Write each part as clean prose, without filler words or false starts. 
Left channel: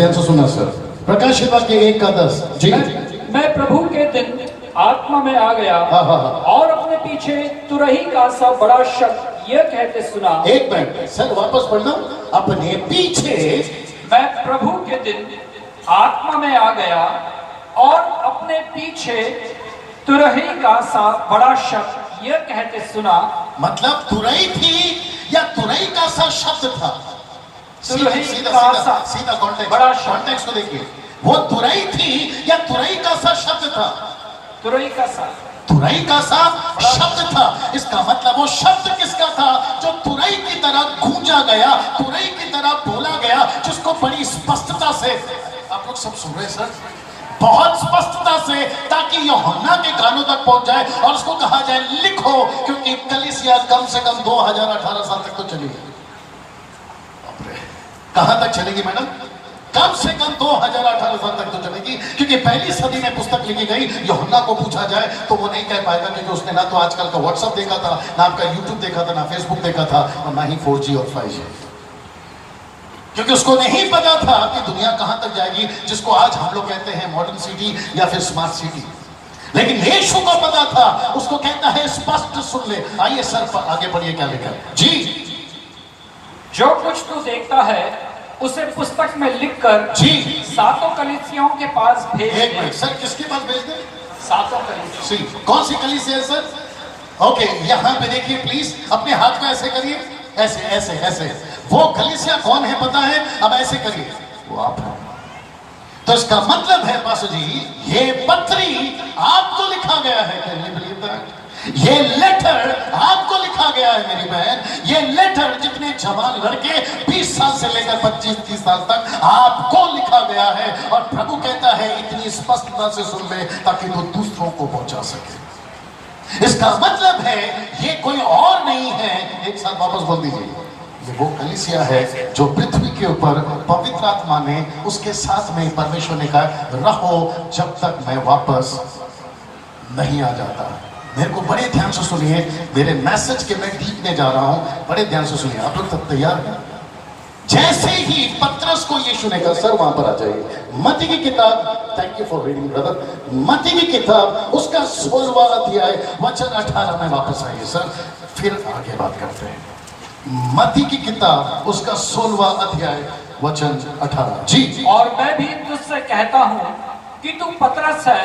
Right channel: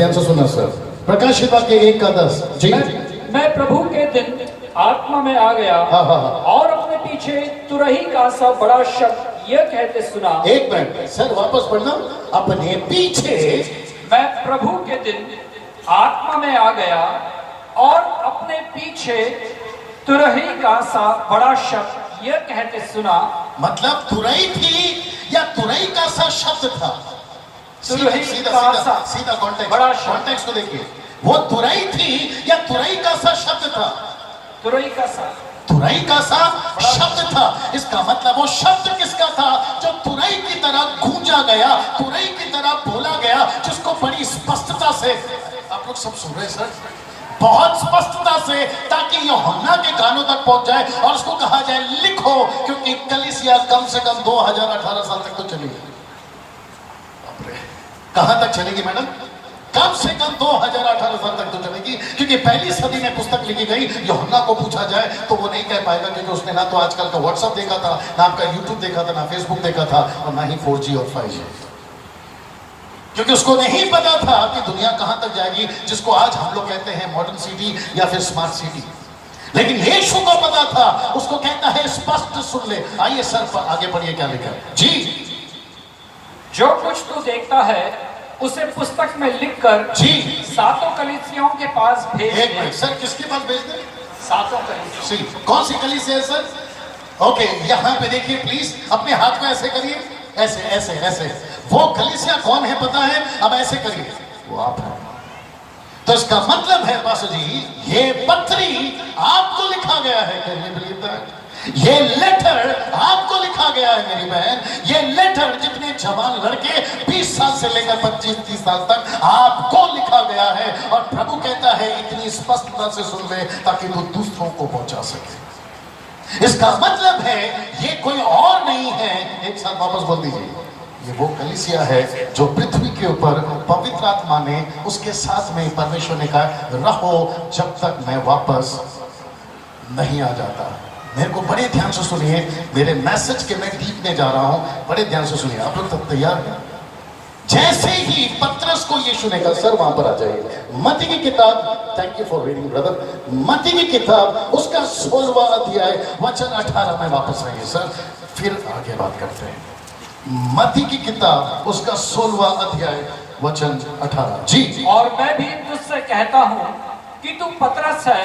ध्यान से सुना सर। प्रकाशित वाक्य 1:10 जी। मैं प्रभु के दिन आत्मा में आ गया और अपने पीछे तुरही का सा बड़ा शब्द यह कहते सुना। एक मिनट सर, वापस पढ़ना। अपने पीछे मैं प्रभु के दिन आत्मा में आ गया और अपने पीछे तुरही का सा बड़ा शब्द यह कहते सुना। मतलब तुरही थी या तुरही का सा शब्द था? सीधा कॉन्टेक्स्ट, बड़ा कॉन्टेक्स्ट को देखिए। वो तुरही थी या तुरही का सा शब्द था? तुरही का सा, तुरही का सा शब्द था। इसका मतलब वो शब्द किसका था? जो तुरही की तरह गूंजा गया, तुरही की तरह बोला गया, जिसको बड़ी स्पष्टता से आप लोग सब सुन रहे सर, बहुत स्पष्टता से, ताकि यूहन्ना के कानों तक पहुंच जाए और उसको कहा जाए लिखो, क्योंकि कलीसिया कम से कम 2018 साल तक तो चलेगी। कहां तक चलेगी मैडम? कम से कम 2018 साल तक तो चलेगी, क्योंकि पहली सदी में पुस्तक लिखी गई। यूहन्ना को पूछा जाए तो वो नहीं कह पाएगा, क्योंकि उसने ना तो आजकल का व्हाट्सएप देखा था, ना आपका यूट्यूब देखा था, ना फेसबुक देखा था, और ना ही 4G और 5G, क्योंकि उसको नहीं पता था कि दुनिया कहां तक जाएगी, जिसको आज हम लोग कहते हैं मॉडर्न सिटी या फिर स्मार्ट सिटी। लेकिन यीशु को पता था, उसको कहता है स्पष्ट सुन ले। आइए सर आगे बढ़िए, क्या लिखा है जी। जो कुछ तू देखता है उसे पुस्तक में लिखकर जी सातों कलीसियाओं के पास भेज दे। सर किसके पास भेज दे? सातों कलीसिया। कौन सी कलीसिया है सर? ओके, यहां पे देखिए प्लीज, अपने हाथ को ऐसे करिए, ऐसे ऐसे ऐसे। वो कलीसिया कौन है पता है? अब ऐसे करिए, वो आप है। तो इसका मतलब है पास जी, ये पत्री आपको लिखा गया है। ये लेटर आपको लिखा गया है मेरी बहन। ये लेटर जितने जवान लड़के 20 साल से लेकर 25-30 साल तक आपको लिखा गया है, और प्रभु कहता है इतनी स्पष्टता से सुन ले ताकि वो दूसरों को पहुंचा सके। इसका मतलब है ये कोई और नहीं है। एक साथ वापस बोल दीजिए, ये वो कलीसिया है जो पृथ्वी के ऊपर पवित्र आत्मा ने उसके साथ में परमेश्वर ने कहा रहो जब तक मैं वापस नहीं आ जाता। मेरे को बड़े ध्यान से सुनिए, मेरे मैसेज के मैं डीप में जा रहा हूं, बड़े ध्यान से सुनिए। आप लोग सब तैयार हैं? जैसे ही पतरस को यीशु ने कहा, सर वहां पर आ जाइए, मत्ती की किताब, thank you for reading brother, मत्ती की किताब उसका 16वां अध्याय वचन 18 में वापस आइए सर, फिर आगे बात करते हैं। मत्ती की किताब उसका 16वां अध्याय वचन 18 जी। और मैं भी तुझसे कहता हूं कि तू पतरस है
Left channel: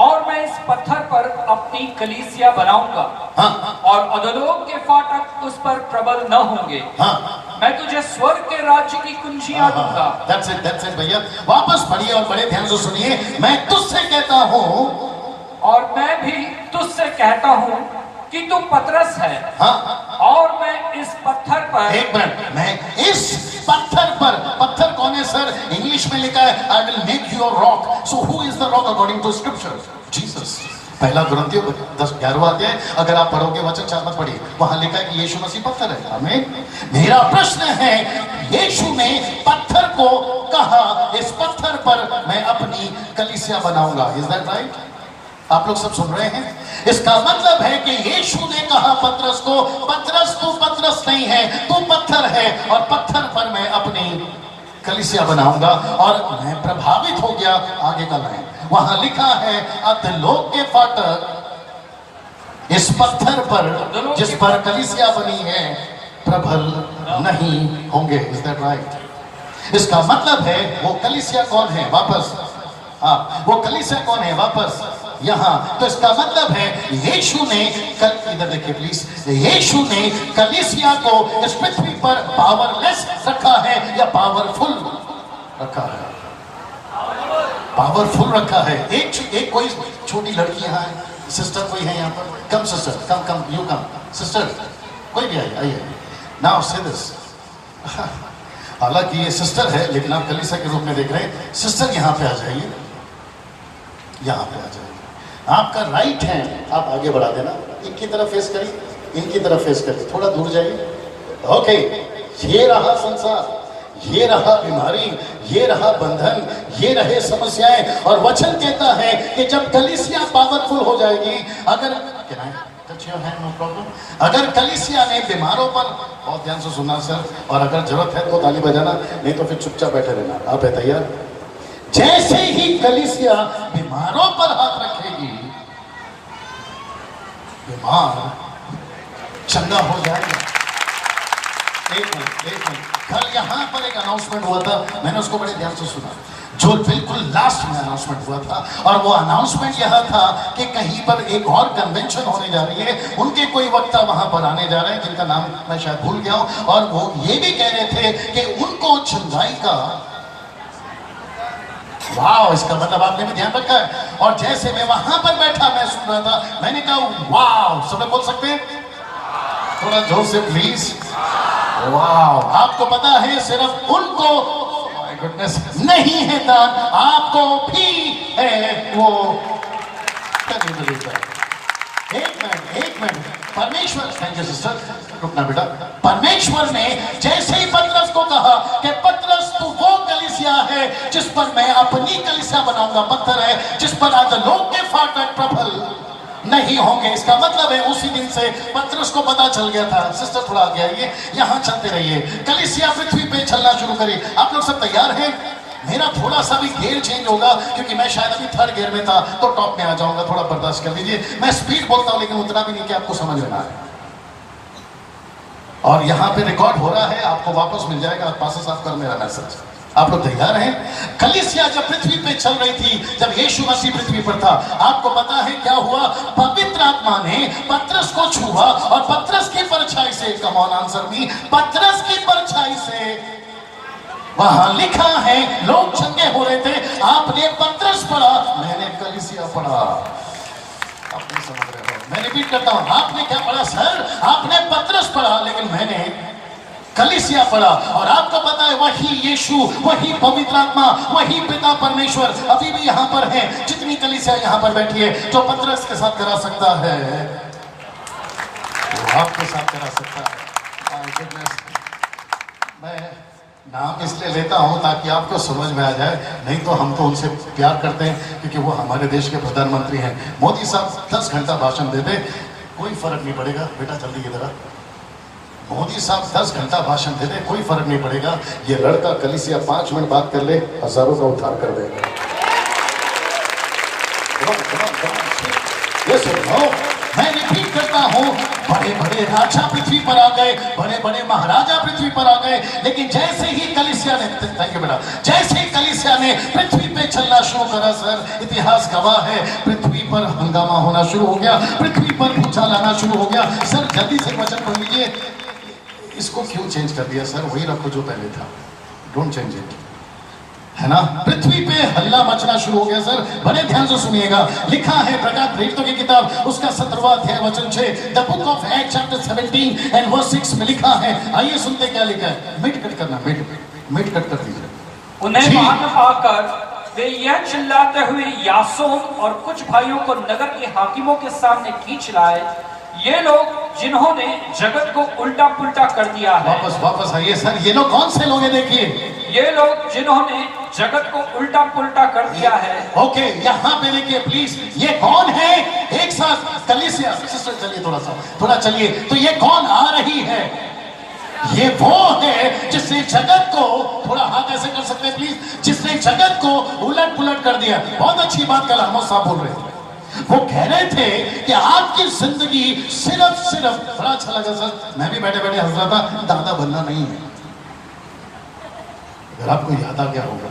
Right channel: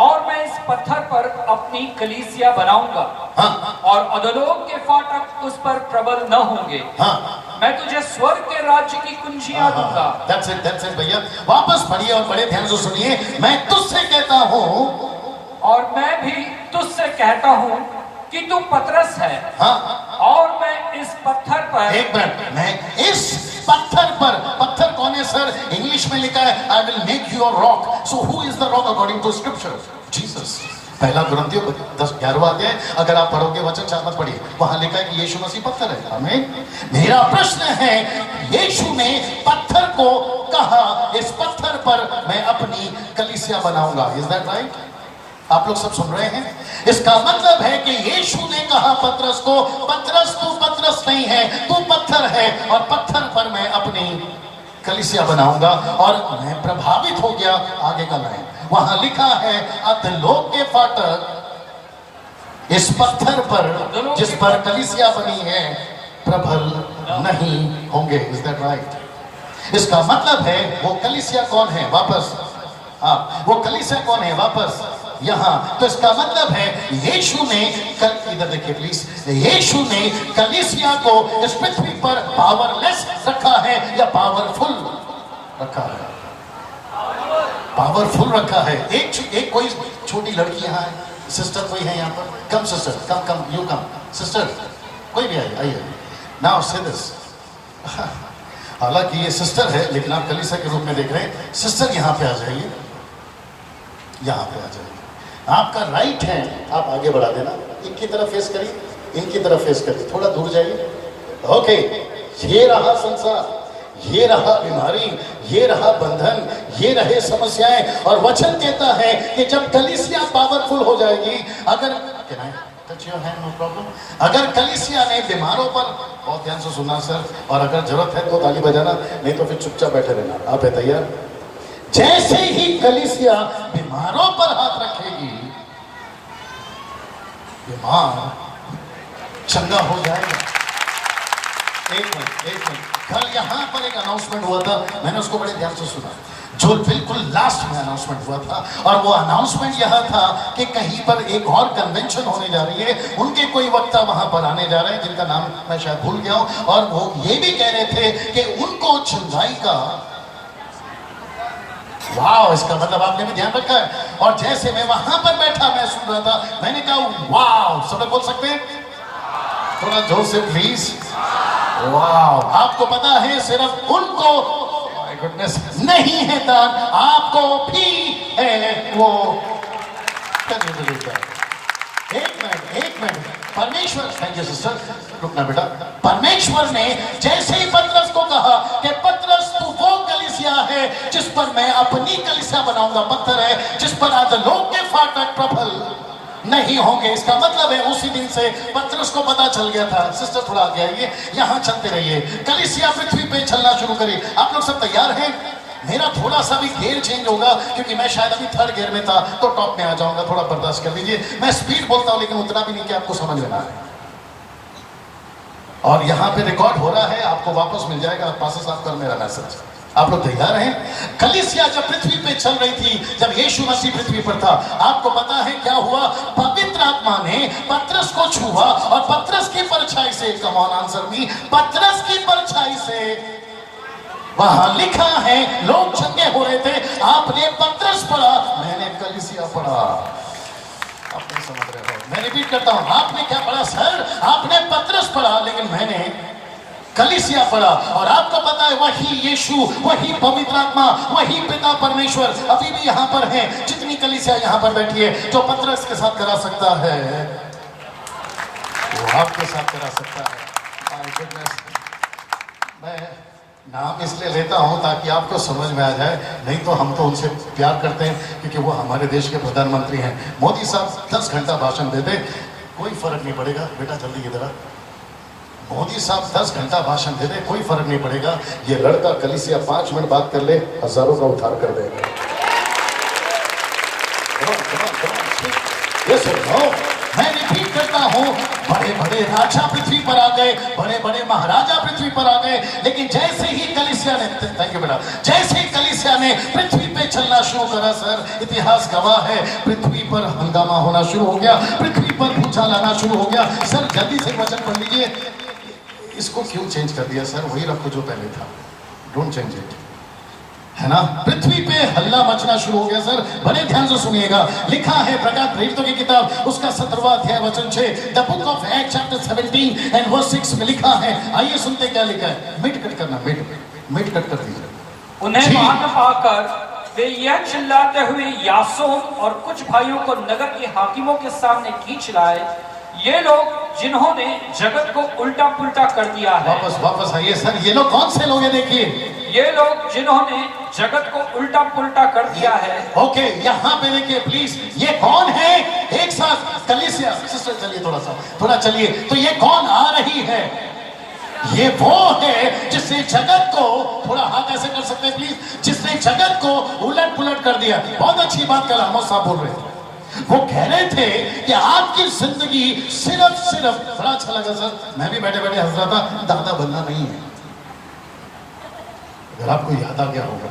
और मैं इस पत्थर पर अपनी कलीसिया बनाऊंगा। और अधोलोक के फाटक उस पर प्रबल न होंगे। मैं तुझे स्वर्ग के राज्य की कुंजियां दूंगा। That's it भैया, वापस पढ़िए और बड़े ध्यान से सुनिए। मैं तुझसे कहता हूं, और मैं भी तुझसे कहता हूं कि तू पतरस है। और मैं इस पत्थर पर, एक मिनट, मैं इस पत्थर पर, पत्थर कौन है सर? इंग्लिश में लिखा है I will make your rock. So who is the rock according to scripture? Jesus. पहला कुरिन्थियों 10-11 अध्याय अगर आप पढ़ोगे वचन 4 मत पढ़िए, वहां लिखा है कि यीशु मसीह पत्थर है। हमें मेरा प्रश्न है, यीशु ने पत्थर को कहा इस पत्थर पर मैं अपनी कलीसिया बनाऊंगा। Is that right? आप लोग सब सुन रहे हैं? इसका मतलब है कि यीशु ने कहा पतरस को, पतरस तू पतरस नहीं है, तू पत्थर है, और पत्थर पर मैं अपनी कलीसिया बनाऊंगा। और मैं प्रभावित हो गया। आगे का लाइन वहां लिखा है अधोलोक के फाटक इस पत्थर पर जिस पर कलीसिया बनी है प्रबल नहीं होंगे। Is that right? इसका मतलब है वो कलीसिया कौन है? वापस वो कलीसिया कौन है? वापस यहां। तो इसका मतलब है यीशु ने, इधर देखिए प्लीज, यीशु ने कलीसिया को इस पृथ्वी पर पावरलेस रखा है या पावरफुल रखा है? पावरफुल रखा है। एक कोई छोटी लड़की यहाँ है, सिस्टर कोई है यहाँ पर? Come sister, come you come sister, कोई भी आइए। नाउ से दिस, हालांकि ये सिस्टर है लेकिन आप कलीसिया के रूप में देख रहे हैं। सिस्टर यहाँ पे आ जाइए, यहाँ पे आ जाइए। आपका राइट हैंड आप आगे बढ़ा देना, इनकी तरफ फेस करिए, इनकी तरफ फेस करिए, थोड़ा दूर जाइए। ओके, ये रहा संसार, ये रहा बीमारी, ये रहा बंधन, ये रहे समस्याएं। और वचन कहता है कि जब कलीसिया पावरफुल हो जाएगी, अगर कलीसिया ने बीमारों पर बहुत ध्यान से सुनना सर, और अगर जरूरत है तो ताली बजाना, नहीं तो फिर चुपचाप बैठे रहना। आप बताइए, जैसे ही कलीसिया बीमारों पर हाथ रखेगी, बीमार चंगा हो जाएगा। एक मिनट, कल यहाँ पर एक अनाउंसमेंट हुआ था, मैंने उसको बड़े ध्यान से सुना, जो बिल्कुल लास्ट में अनाउंसमेंट हुआ था, और वो अनाउंसमेंट यह था कि कहीं पर एक और कन्वेंशन होने जा रही है, उनके कोई वक्ता वहां पर आने जा रहे हैं जिनका नाम मैं शायद भूल गया हूं, और वो ये भी कह रहे थे कि उनको चंगाई का, वाह, इसका मतलब आपने भी ध्यान रखा है। और जैसे मैं वहां पर बैठा मैं सुन रहा था, मैंने कहा वाह, सब बोल सकते हैं थोड़ा जोर से प्लीज, वाह। आपको पता है सिर्फ उनको नहीं है दान, आपको भी है वो। एक मिनट, परमेश्वर, थैंक यू सिस्टर, रुकना बेटा। परमेश्वर ने जैसे ही पतरस को कहा कि पतरस तू वो कलीसिया है जिस पर मैं अपनी कलीसिया बनाऊंगा, पत्थर है जिस पर अधोलोक के फाटक प्रबल नहीं होंगे, इसका मतलब है उसी दिन से पतरस को पता चल गया था। सिस्टर थोड़ा आगे आइए, यहां चलते रहिए, कलीसिया पृथ्वी पे चलना शुरू करिए। आप लोग सब तैयार हैं? मेरा थोड़ा सा भी गियर चेंज होगा क्योंकि मैं शायद अभी थर्ड गियर में था, तो टॉप में आ जाऊंगा, थोड़ा बर्दाश्त कर लीजिए। मैं स्पीड बोलता हूं लेकिन उतना भी नहीं कि आपको समझ लेना। और यहाँ पे रिकॉर्ड हो रहा है, आपको वापस मिल जाएगा, पासे साफ कर मेरा मैसेज। आप लोग तैयार हैं? कलीसिया जब पृथ्वी पे चल रही थी, जब यीशु मसीह पृथ्वी पर था, आपको पता है क्या हुआ? पवित्र आत्मा ने पतरस को छुआ और पतरस की परछाई से, कम ऑन आंसर मी, पतरस की परछाई से, वहां लिखा है लोग चंगे हो रहे थे। आपने पतरस पढ़ा, मैंने कलीसिया पढ़ा। आपने समझ रहे हो? मैं रिपीट करता हूं, आपने क्या पढ़ा सर? आपने पतरस पढ़ा, लेकिन मैंने कलीसिया पढ़ा। और आपको पता है वही यीशु, वही पवित्र आत्मा, वही पिता परमेश्वर अभी भी यहाँ पर है। जितनी कलीसिया यहाँ पर बैठी है, जो पतरस के साथ करा सकता है वो आपके साथ करा सकता है। मैं नाम इसलिए लेता हूं ताकि आपको समझ में आ जाए, नहीं तो हम तो उनसे प्यार करते हैं क्योंकि वो हमारे देश के प्रधानमंत्री हैं। मोदी साहब 10 घंटा भाषण देते, कोई फर्क नहीं पड़ेगा। बेटा जल्दी की तरह, मोदी साहब 10 घंटा भाषण दे रहे, कोई फर्क नहीं पड़ेगा। ये लड़का कलीसिया 5 मिनट बात कर ले, हजारों का उद्धार कर देगा। मैं रिपीट करता हूं, बड़े बड़े राजा पृथ्वी पर आ गए, बड़े बड़े महाराजा पृथ्वी पर आ गए, लेकिन जैसे ही कलीसिया ने, थैंक यू बेटा, जैसे ही कलीसिया ने पृथ्वी पे चलना शुरू करा सर, इतिहास गवाह है, पृथ्वी पर हंगामा होना शुरू हो गया, पृथ्वी पर भूचाल आना शुरू हो गया। सर जल्दी से वचन पढ़ लीजिए। इसको क्यों चेंज कर दिया सर? वही रखो जो पहले था, डोंट चेंज इट, है ना? पृथ्वी पे हल्ला मचना शुरू हो गया सर। बड़े ध्यान से सुनिएगा, लिखा है प्रकट प्रेरितों की किताब उसका 17वां अध्याय वचन 6, the book of act chapter 17 and verse 6 में लिखा है। आइए सुनते क्या लिखा है। मिट कट करना, मिट कट कर दीजिए। उन्हें मालूम पाकर वे यह चिल्लाते हुए यासोन और कुछ भाइयों को नगर के हाकिमों के सामने खींच लाए, ये लोग जिन्होंने जगत को उल्टा पुल्टा कर दिया है। वापस आइए सर, ये लोग कौन से लोग हैं? देखिए, ये लोग जिन्होंने जगत को उल्टा पुल्टा कर दिया है। ओके, यहाँ पे देखिए प्लीज, ये कौन है? एक साथ कलीसिया, सिस्टर चलिए थोड़ा चलिए। तो ये कौन आ रही है? ये वो है जिसने जगत को, थोड़ा हाथ ऐसे कर सकते हैं प्लीज, जिसने जगत को उलट पुलट कर दिया। बहुत अच्छी बात कल हम साहब बोल रहे थे, वो कह रहे थे कि आपकी जिंदगी सिर्फ बड़ा अच्छा लगा सर, मैं भी बैठे बैठे हंस रहा था, दादा बनना नहीं है। अगर आपको याद आ गया होगा,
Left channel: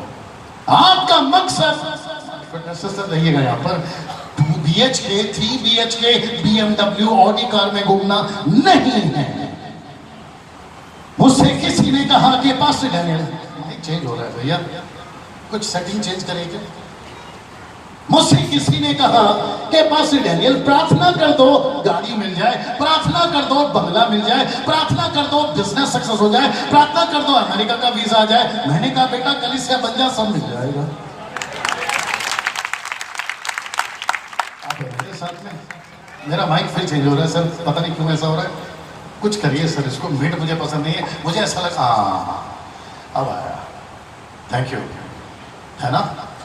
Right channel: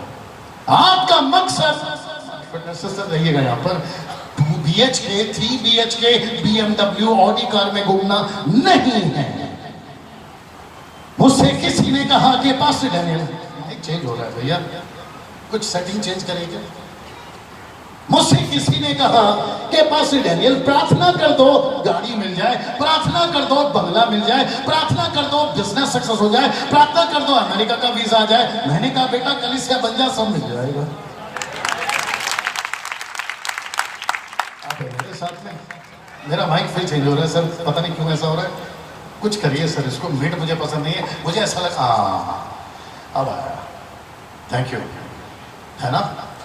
आपका मकसद रहिएगा यहाँ पर 2 BHK 3 BHK BMW Audi car में घूमना नहीं है। मुझसे किसी ने कहा कि पास नहीं चेंज हो रहा है भैया, कुछ सेटिंग चेंज करेंगे। मुझसे किसी ने कहा कि पास डैनियल प्रार्थना कर दो गाड़ी मिल जाए, प्रार्थना कर दो बंगला मिल जाए, प्रार्थना कर दो बिजनेस सक्सेस हो जाए, प्रार्थना कर दो अमेरिका का वीजा आ जाए। मैंने कहा बेटा कलीसिया बन जा, सब मिल जाएगा। मेरे साथ में मेरा माइक फिर चेंज हो रहा है सर, पता नहीं क्यों ऐसा हो रहा है। कुछ करिए सर इसको, मिट मुझे पसंद नहीं है, मुझे ऐसा लगा अब आया। थैंक यू, है ना?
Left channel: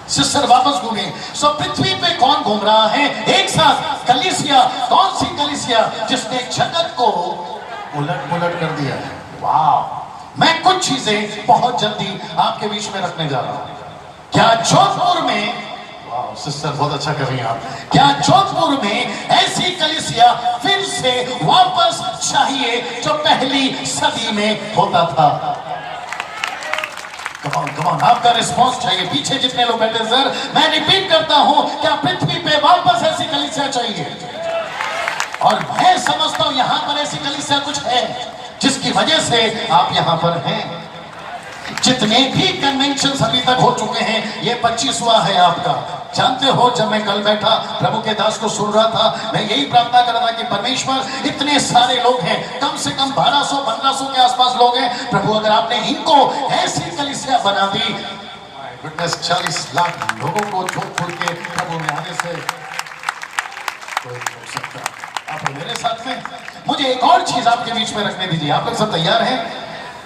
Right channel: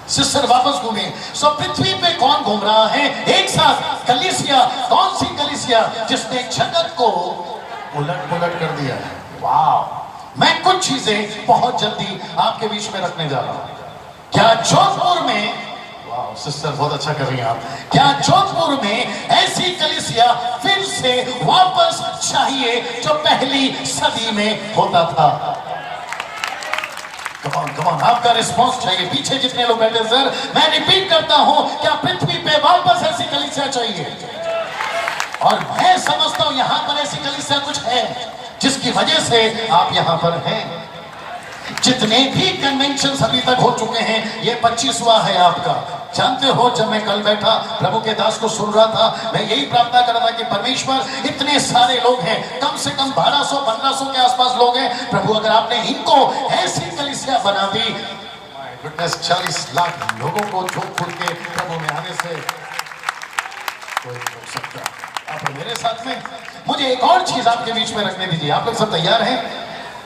सिस्टर वापस घूमे। सो पृथ्वी पे कौन घूम रहा है एक साथ? कलीसिया। कौन सी कलीसिया? जिसने जगत को उलट पुलट कर दिया है। वाह, मैं कुछ चीजें बहुत जल्दी आपके बीच में रखने जा रहा हूं। क्या जोधपुर में, वाह सिस्टर बहुत अच्छा कर रही हैं आप, क्या जोधपुर में ऐसी कलीसिया फिर से वापस चाहिए जो पहली सदी में होता था? कमान आपका रिस्पॉन्स चाहिए। पीछे जितने लोग बैठे, सर मैं रिपीट करता हूं, क्या पृथ्वी पे वापस ऐसी कलीसिया चाहिए? और मैं समझता हूं यहां पर ऐसी कलीसिया कुछ है जिसकी वजह से आप यहां पर हैं। जितने भी कन्वेंशन अभी तक हो चुके हैं, ये 25वां है आपका। जानते हो, जब मैं कल बैठा प्रभु के दास को सुन रहा था, मैं यही प्रार्थना कर रहा था कि परमेश्वर, इतने सारे लोग हैं, कम से कम 1200-1500 के आसपास लोग हैं प्रभु, अगर आपने इनको ऐसी कलीसिया बना दी, 40 लाख लोगों को झोंक खोल के प्रभु ने आने से हो सकता। आप मेरे साथ में, मुझे एक और चीज आपके बीच में रखने दीजिए। आप लोग सब तैयार हैं?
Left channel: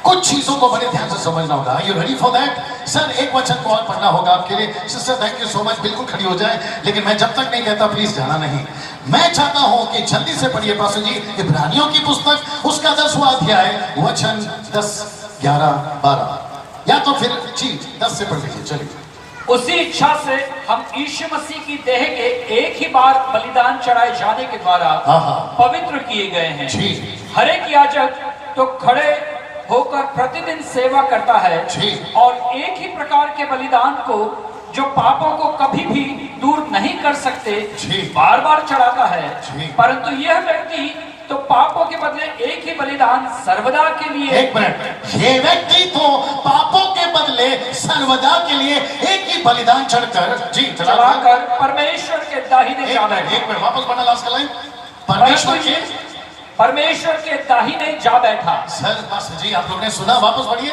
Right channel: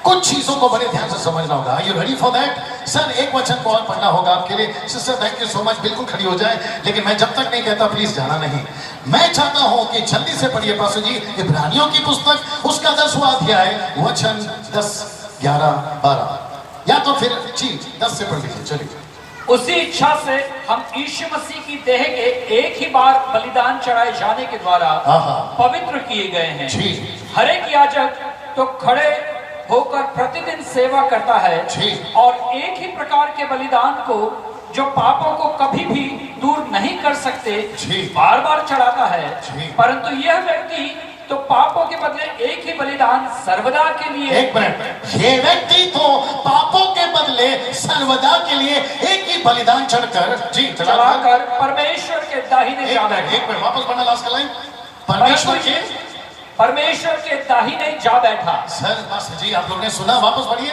कुछ चीजों को बड़े ध्यान से समझना होगा। Are you ready for that? Sir एक वचन को और पढ़ना होगा आपके लिए। Sister thank you so much, बिल्कुल खड़ी हो जाए, लेकिन मैं जब तक नहीं कहता प्लीज जाना नहीं। मैं चाहता हूं कि जल्दी से पढ़िए पास्टर जी इब्रानियों की पुस्तक, उसका 10वां अध्याय, वचन 10, 11, 12, या तो फिर जी 10 से पढ़ लीजिए। चलिए। उसी इच्छा से हम यीशु मसीह की देह के एक ही बार बलिदान चढ़ाए जाने के द्वारा पवित्र किए गए हैं। हर एक याजक तो खड़े होकर प्रतिदिन सेवा करता है और एक ही प्रकार के बलिदान को, जो पापों को कभी भी दूर नहीं कर सकते, बार बार चढ़ाता है। परंतु यह व्यक्ति तो पापों के बदले एक ही बलिदान सर्वदा के लिए, एक मिनट, ये व्यक्ति तो पापों के बदले सर्वदा के लिए एक ही बलिदान चढ़कर चढ़ाकर परमेश्वर के दाहिने जा बैठा। एक मिनट वापस पढ़ना, लास्ट लाइन। परमेश्वर के दाहिने जा बैठा। सर बस जी, आप लोगों ने सुना, वापस पढ़िए।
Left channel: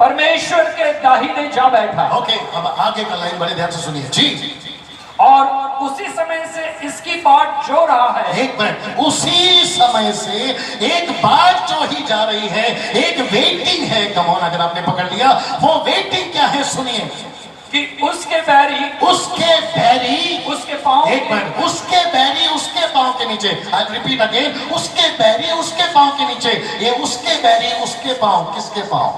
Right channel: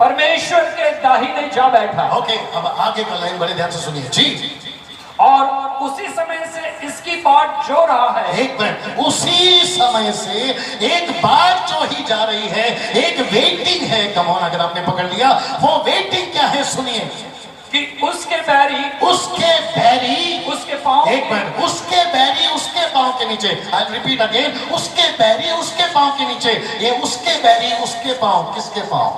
परमेश्वर के दाहिने जा बैठा। ओके, अब आगे का लाइन बड़े ध्यान से सुनिए जी। और उसी समय से इसकी बाट जो रहा है, एक मिनट, उसी समय से एक बात जो ही जा रही है, एक वेटिंग है। कमोन, अगर आपने पकड़ लिया, वो वेटिंग क्या है सुनिए, कि उसके बैरी उसके पांव, एक मिनट, उसके बैरी उसके पांव के नीचे। आई रिपीट अगेन, उसके बैरी उसके पांव के नीचे। ये उसके बैरी उसके पांव, किसके पांव?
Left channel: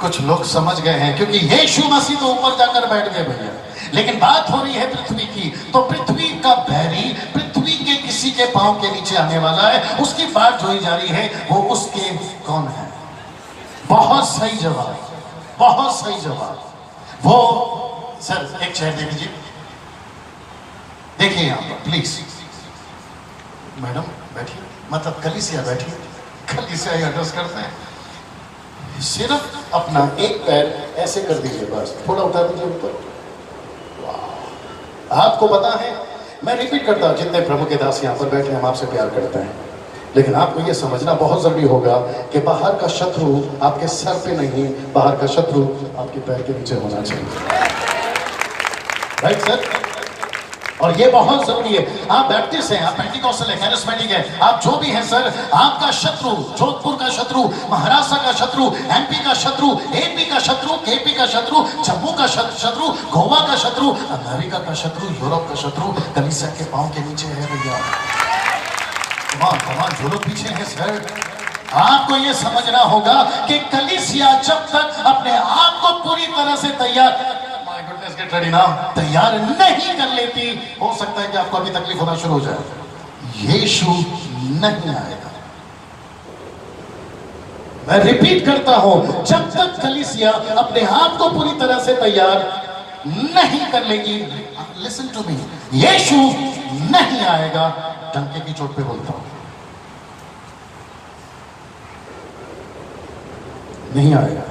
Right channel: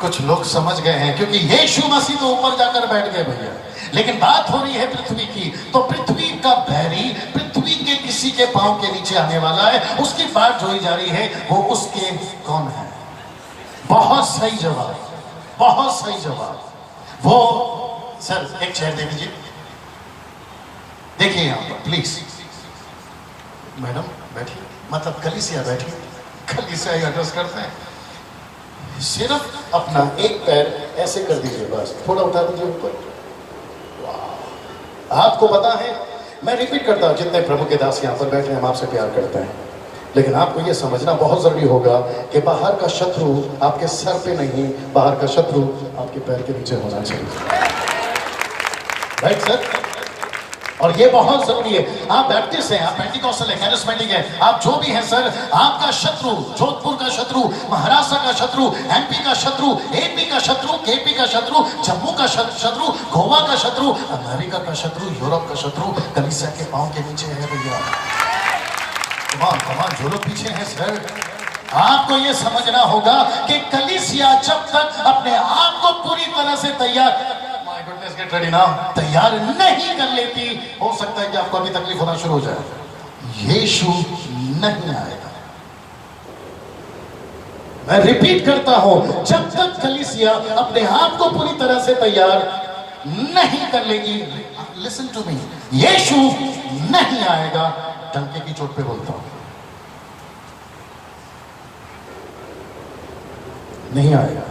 कुछ लोग समझ गए हैं, क्योंकि यीशु मसीह तो ऊपर जाकर बैठ गए भैया, लेकिन बात हो रही है पृथ्वी की। तो पृथ्वी का बैरी पृथ्वी के किसी के पांव के नीचे आने वाला है, उसकी बात जो जा रही है वो उसके कौन है? बहुत सही जवाब, बहुत सही जवाब। वो सर एक चेयर दे दीजिए, देखिए यहाँ प्लीज। मैडम बैठिए, मतलब कलीसिया बैठिए, कलीसिया एड्रेस करते हैं। सिर्फ अपना एक पैर ऐसे कर दीजिए, बस थोड़ा उठा दीजिए ऊपर। आपको पता है, मैं रिपीट करता हूं, जितने प्रभु के दास यहाँ पर बैठे हम आपसे प्यार करते हैं, लेकिन आपको ये समझना बहुत जरूरी होगा कि बाहर का शत्रु आपके सर पे नहीं, बाहर का शत्रु आपके पैर के नीचे होना चाहिए। Right sir? और ये बहुत जरूरी है। आप बैप्टिस्ट हैं, आप पेंटिकॉस्टल है, कैरिस्मेटिक है, आप जो भी हैं सर, आपका शत्रु, जोधपुर का शत्रु, महाराष्ट्र का शत्रु, एमपी का शत्रु, एपी का शत्रु, केपी का शत्रु, जम्मू का शत्रु, गोवा का शत्रु, अमेरिका का शत्रु, यूरोप का शत्रु कलीसिया के पांव के नीचे है भैया। तमाम जो लोग पीछे हैं सर, आपको ये समझना होगा कि कलीसिया जब तक अपने आप को पूरी तरह से तैयार नहीं कर लेती, हो सकता है कि आपको अभी तकलीफ होना शुरू हो जाए। यीशु नहीं आएगा। मैं रिपीट करता हूं, जब तक कलीसिया अपने आप को पूरी तरह से तैयार नहीं कर लेगी, लिसन टू मी, यीशु नहीं आएगा। डंके की चोट पे बोलता हूं, नहीं आएगा।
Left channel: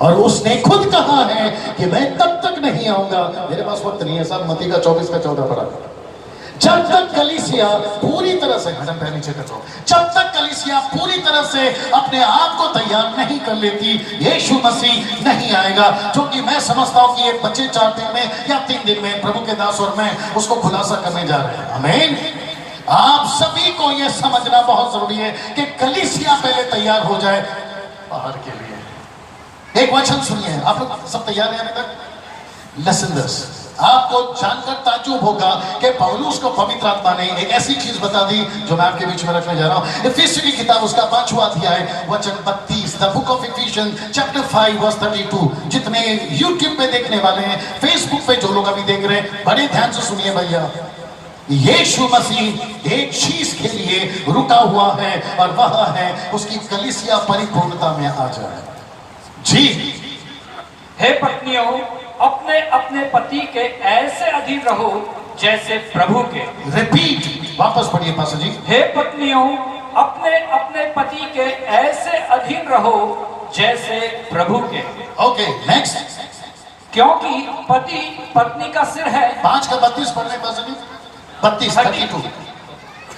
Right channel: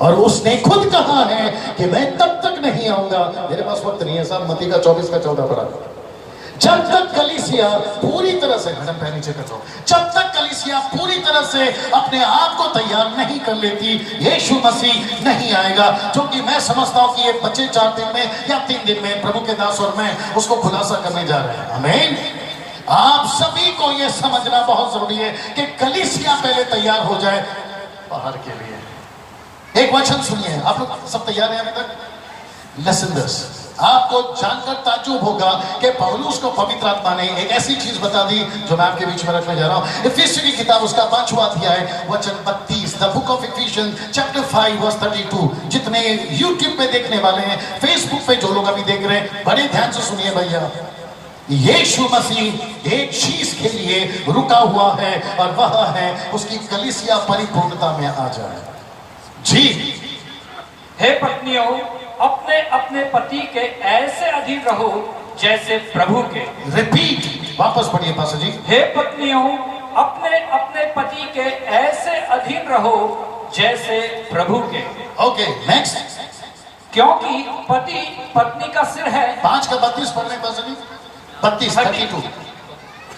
और उसने खुद कहा है कि मैं तब तक नहीं आऊंगा, मेरे पास वक्त नहीं है साहब, मत्ती का 24 का 14 पढ़ा, जब तक कलीसिया पूरी तरह से, मैडम पहले नीचे करता हूं, जब तक कलीसिया पूरी तरह से अपने आप को तैयार नहीं कर लेती, यीशु मसीह नहीं आएगा। जो कि मैं समझता हूं कि ये बच्चे 4 दिन में या 3 दिन में प्रभु के दास और मैं उसको खुलासा करने जा रहे हैं। आमीन। आप सभी को यह समझना बहुत जरूरी है कि कलीसिया पहले तैयार हो जाए बाहर के लिए। एक वचन सुनिए, आप लोग सब तैयार हैं अभी तक? लेसन 10, आपको जानकर ताज्जुब होगा कि पौलुस को पवित्र आत्मा ने एक ऐसी चीज बता दी जो मैं आपके बीच में रखने जा रहा हूं। इफिसियों की किताब उसका 5वां अध्याय वचन 32, the book of Ephesians chapter 5 verse 32। जितने यूट्यूब पे देखने वाले हैं, फेसबुक पे जो लोग अभी देख रहे हैं, बड़े ध्यान से सुनिए भैया। यीशु मसीह एक चीज के लिए रुका हुआ है और वह है उसकी कलीसिया परिपूर्णता में आ जाए। जी, हे पत्नियों, अपने अपने पति के ऐसे अधीन रहो जैसे प्रभु के। रिपीट, वापस पढ़िए पास जी। हे पत्नियों, अपने अपने पति के ऐसे अधीन रहो जैसे प्रभु के। Okay, next. क्योंकि पति पत्नी का सिर है। 5 का 32 पढ़ने पास जी। 32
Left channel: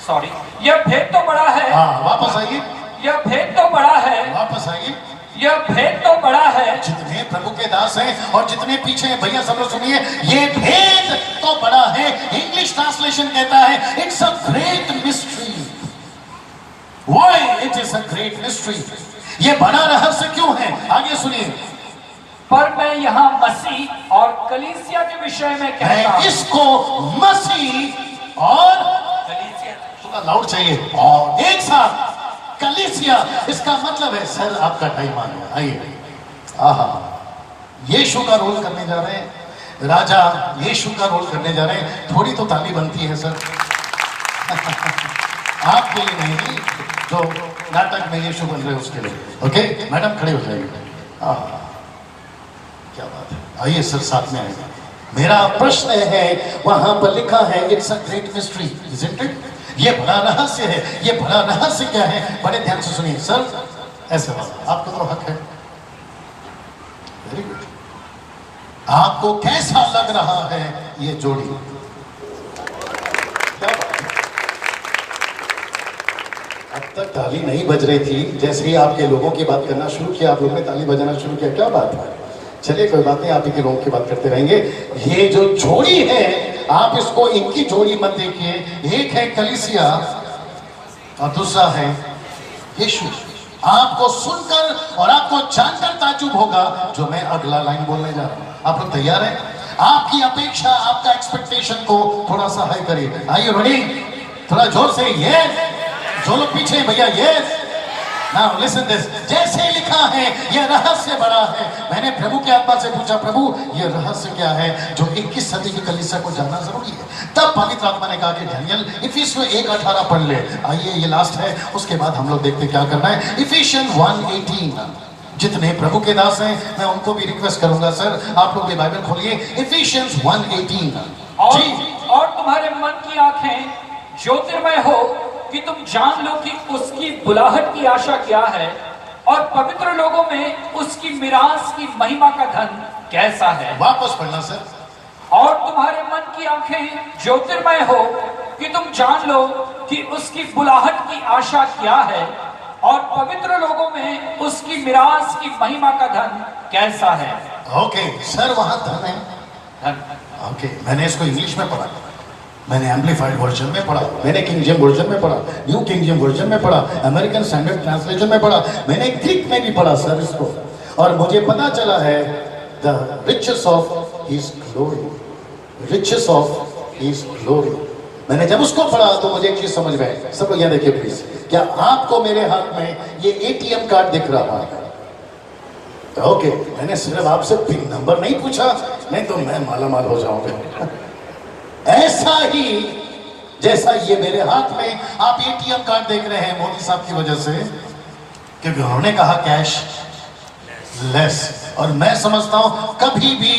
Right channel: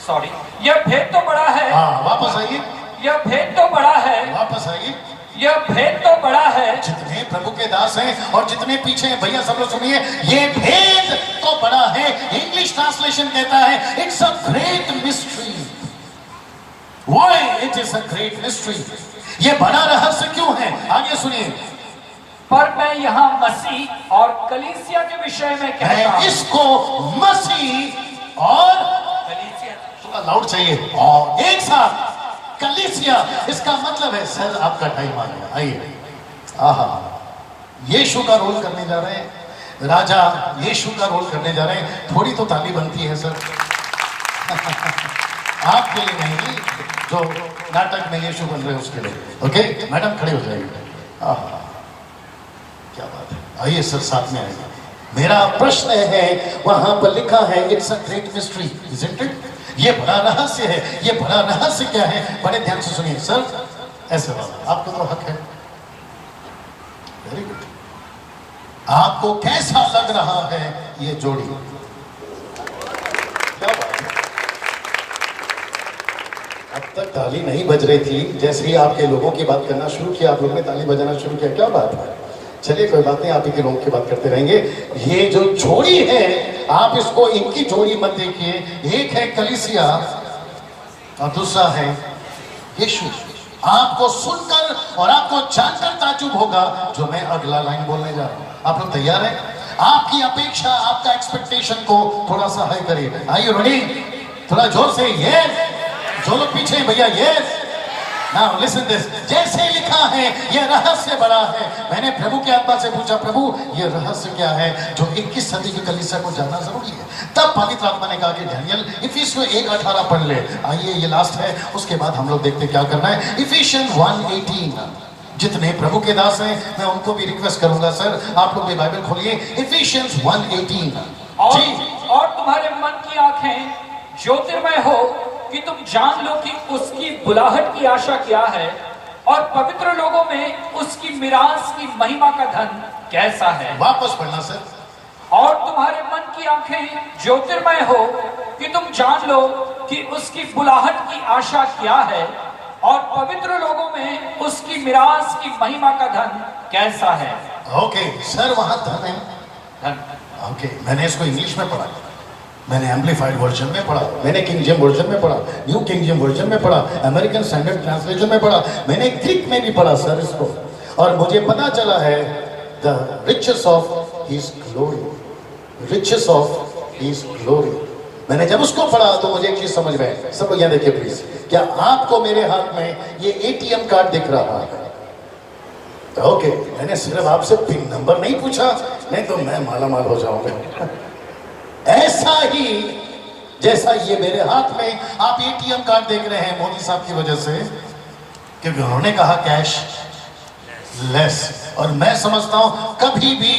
सॉरी, यह भेद तो बड़ा है। हाँ, वापस आइए। यह भेद तो बड़ा है। वापस आइए। यह भेद तो बड़ा है। जितने प्रभु के दास हैं और जितने पीछे हैं भैया सब लोग सुनिए, ये भेद तो बड़ा है। इंग्लिश ट्रांसलेशन कहता है it's a great mystery. Why it is a great mystery. ये बड़ा रहस्य क्यों है, आगे सुनिए। पर मैं यहाँ मसीह और कलीसिया के विषय में कहता हूं। इसको मसीह और कलीसिया लाउड चाहिए और एक साथ कलीसिया, इसका मतलब है सर आपका टाइम आ गया, आइए। आहा, यीशु का रोल करने जा रहे हैं, राजा यीशु का रोल करने जा रहे हैं। थोड़ी तो ताली बनती है सर आपके लिए नहीं, जो नाटक में यीशु बन रहे उसके लिए। ओके मैडम, खड़े हो जाइए। आहा, क्या बात है, आइए सर साथ में आइए। मेरा प्रश्न है, वहां पर लिखा है it's a great mystery, isn't it? ये बड़ा रहस्य है। ये बड़ा रहस्य क्या है, बड़े ध्यान से सुनिए सर। ऐसे आपका तो हक है। Very good. आपको कैसा लग रहा है ये जोड़ी? अब तक ताली नहीं बज रही थी, जैसे ही आपके लोगों की बात करना शुरू किया, आप लोगों ने ताली बजाना शुरू किया। क्या बात है, चलिए कोई बात नहीं, आप ही के लोगों की बात करते रहेंगे। ये जो जोड़ी है, आप इसको इनकी जोड़ी मत देखिए। एक है कलीसिया और दूसरा है यीशु। आपको सुनकर और आपको जानकर ताज्जुब होगा जो मैं अगला लाइन बोलने जा रहा हूं। आप लोग तैयार हैं? आपकी अपेक्षा, आपका एक्सपेक्टेशन को थोड़ा सा हाई करिए। Are you ready? थोड़ा जोर से यस। जो लोग पीछे भैया यस। Now listen this, जैसे लिखा है यह रहस्य बड़ा है। मैंने प्रभु के आत्मा से पूछा, प्रभु ये रहस्य क्या है जो 21 सदी की कलीसिया को जानना जरूरी है? तब पवित्र आत्मा ने कहा कि डैनियल इफिसियों 1:18 पढ़ ले। आइए, ये लास्ट है, उसके बाद हम लोग देखते क्या करना है। इफिशियंस 1:18। जितने प्रभु के दास हैं मैं उनको भी रिक्वेस्ट करूंगा सर, आप लोग भी बाइबल खोलिए। इफिशियंस 1:18। और तुम्हारे मन की आंखें ज्योतिर्मय हो कि तुम जान लो कि उसकी बुलाहट की आशा क्या है और पवित्र लोगों में उसकी मिरास की महिमा का धन कैसा है। वापस पढ़ना सर। और तुम्हारे मन की आंखें ज्योतिर्मय हो कि तुम जान लो कि उसकी बुलाहट की आशा क्या है और पवित्र लोगों में उसकी मिरास की महिमा का धन कैसा है। ओके सर, वहां धन है। ओके, मैंने इसको इंग्लिश में पढ़ा, मैंने एम्पलीफाइड वर्जन में पढ़ा, मैंने किंग जेम्स वर्जन में पढ़ा, न्यू किंग जेम्स वर्जन में पढ़ा, अमेरिकन स्टैंडर्ड ट्रांसलेशन में पढ़ा, मैंने ग्रीक में भी पढ़ा सर इसको, और मुझे पता चला है the riches of his glory, riches of his glory. मैंने जब उसको पढ़ा तो मुझे एक चीज समझ गए। सब यहाँ देखिए प्लीज, क्या आपको मेरे हाथ में ये एटीएम कार्ड दिख रहा है? ओके, मैंने सिर्फ आपसे पिन नंबर नहीं पूछा, नहीं तो मैं मालामाल हो जाऊंगा। ऐसा ही जैसा ये मेरे हाथ में आप एटीएम कार्ड देख रहे हैं मोदी साहब की वजह से, क्योंकि उन्होंने कहा कैश लेस, और मैं समझता हूं कभी भी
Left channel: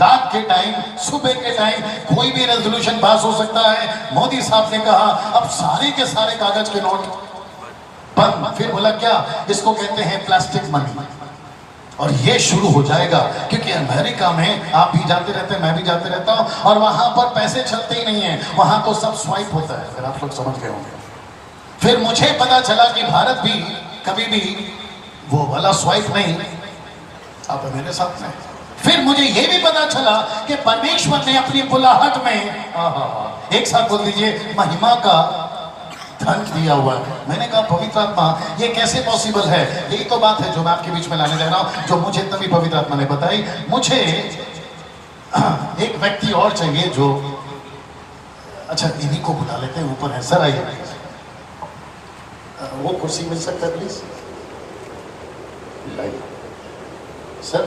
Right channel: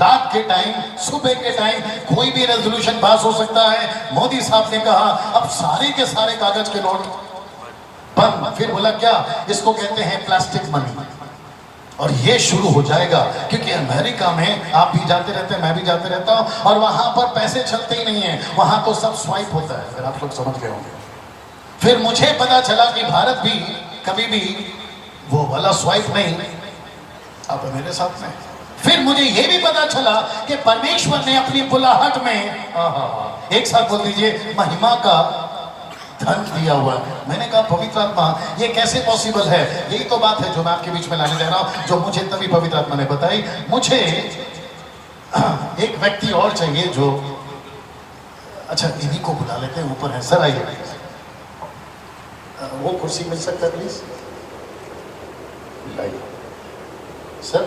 रात के टाइम, सुबह के टाइम कोई भी रेजोल्यूशन पास हो सकता है। मोदी साहब ने कहा अब सारे के सारे कागज के नोट बंद। फिर बोला क्या, इसको कहते हैं प्लास्टिक मनी, और ये शुरू हो जाएगा क्योंकि अमेरिका में आप भी जाते रहते हैं, मैं भी जाते रहता हूं, और वहां पर पैसे चलते ही नहीं है, वहां तो सब स्वाइप होता है। अगर आप लोग समझ गए होंगे। फिर मुझे पता चला कि भारत भी कभी भी वो वाला स्वाइप नहीं, अब मेरे साथ में। फिर मुझे ये भी पता चला कि परमेश्वर ने अपनी बुलाहट में, एक साथ बोल दीजिए, महिमा का धन दिया हुआ है। मैंने कहा पवित्र आत्मा ये कैसे पॉसिबल है? यही तो बात है जो मैं आपके बीच में लाने जा रहा हूं, जो मुझे तभी पवित्र आत्मा ने बताई। मुझे एक व्यक्ति और चाहिए जो, अच्छा इन्हीं को बुला लेते हैं, ऊपर है सर, आइए। वो कुर्सी मिल सकता है प्लीज? सर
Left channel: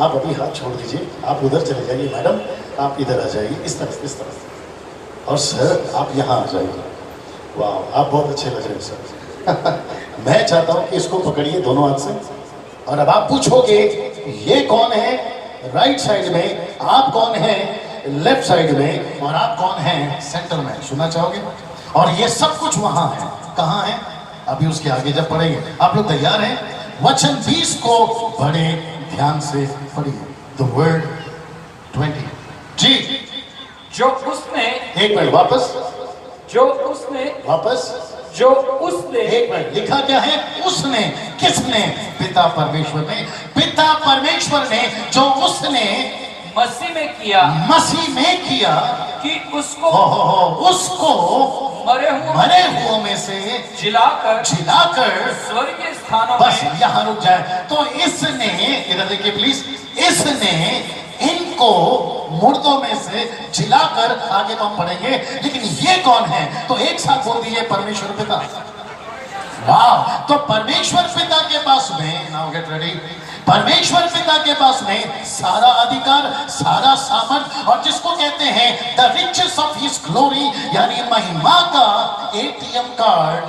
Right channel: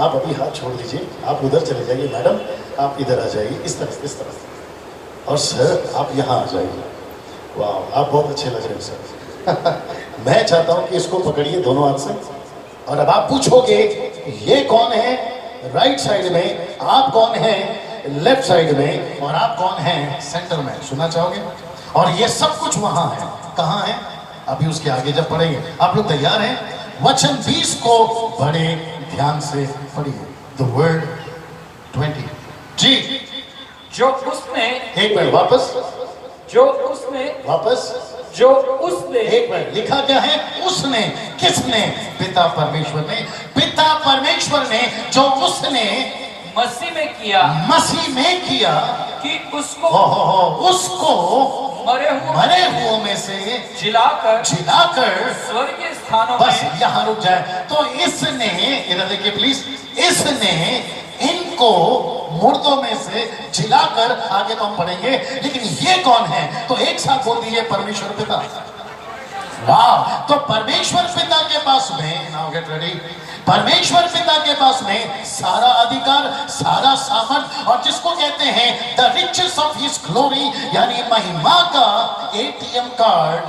आप अभी हाथ छोड़ दीजिए, आप उधर चले जाइए, मैडम आप इधर आ जाइए, इस तरफ, और सर आप यहाँ आ जाइए। वाह, आप बहुत अच्छे लग रहे हैं सर। मैं चाहता हूँ कि इसको पकड़िए दोनों हाथ से, और अब आप पूछोगे ये कौन है राइट साइड में, आप कौन है लेफ्ट साइड में, और आप कौन है सेंटर में, सुनना चाहोगे? और ये सब कुछ वहां है, कहाँ है? अभी उसके आगे जब पढ़ेंगे। आप लोग तैयार हैं? वचन 20 को बड़े ध्यान से पढ़िए। द वर्ड 20 जी। जो उसने, एक मिनट वापस, जो उसने, वापस, जो उसने, एक मिनट, लिखा क्या है? उसने, किसने? पिता परमेश्वर ने, पिता परमेश्वर ने, जो उसने मसीह में किया, मसीह में किया, कि उसको, उसको मरे हुओं में से जिलाकर स्वर्गीय स्थानों बस में, यहाँ रुक जाए। तो इसने, इधर देखिए प्लीज, इसने इनको मुर्दों में से जिलाकर, आगे तो हम पढ़ेंगे, लेकिन ये कौन है? तो एक साथ बोल दीजिए, परमेश्वर पिता। वाह, तो परमेश्वर पिता के पास में, नाउ गेट रेडी, परमेश्वर पिता के पास में सारा अधिकार, सारा सामर्थ, और जिसको कहते हैं the riches of his glory, यानी महिमा का एटीएम कार्ड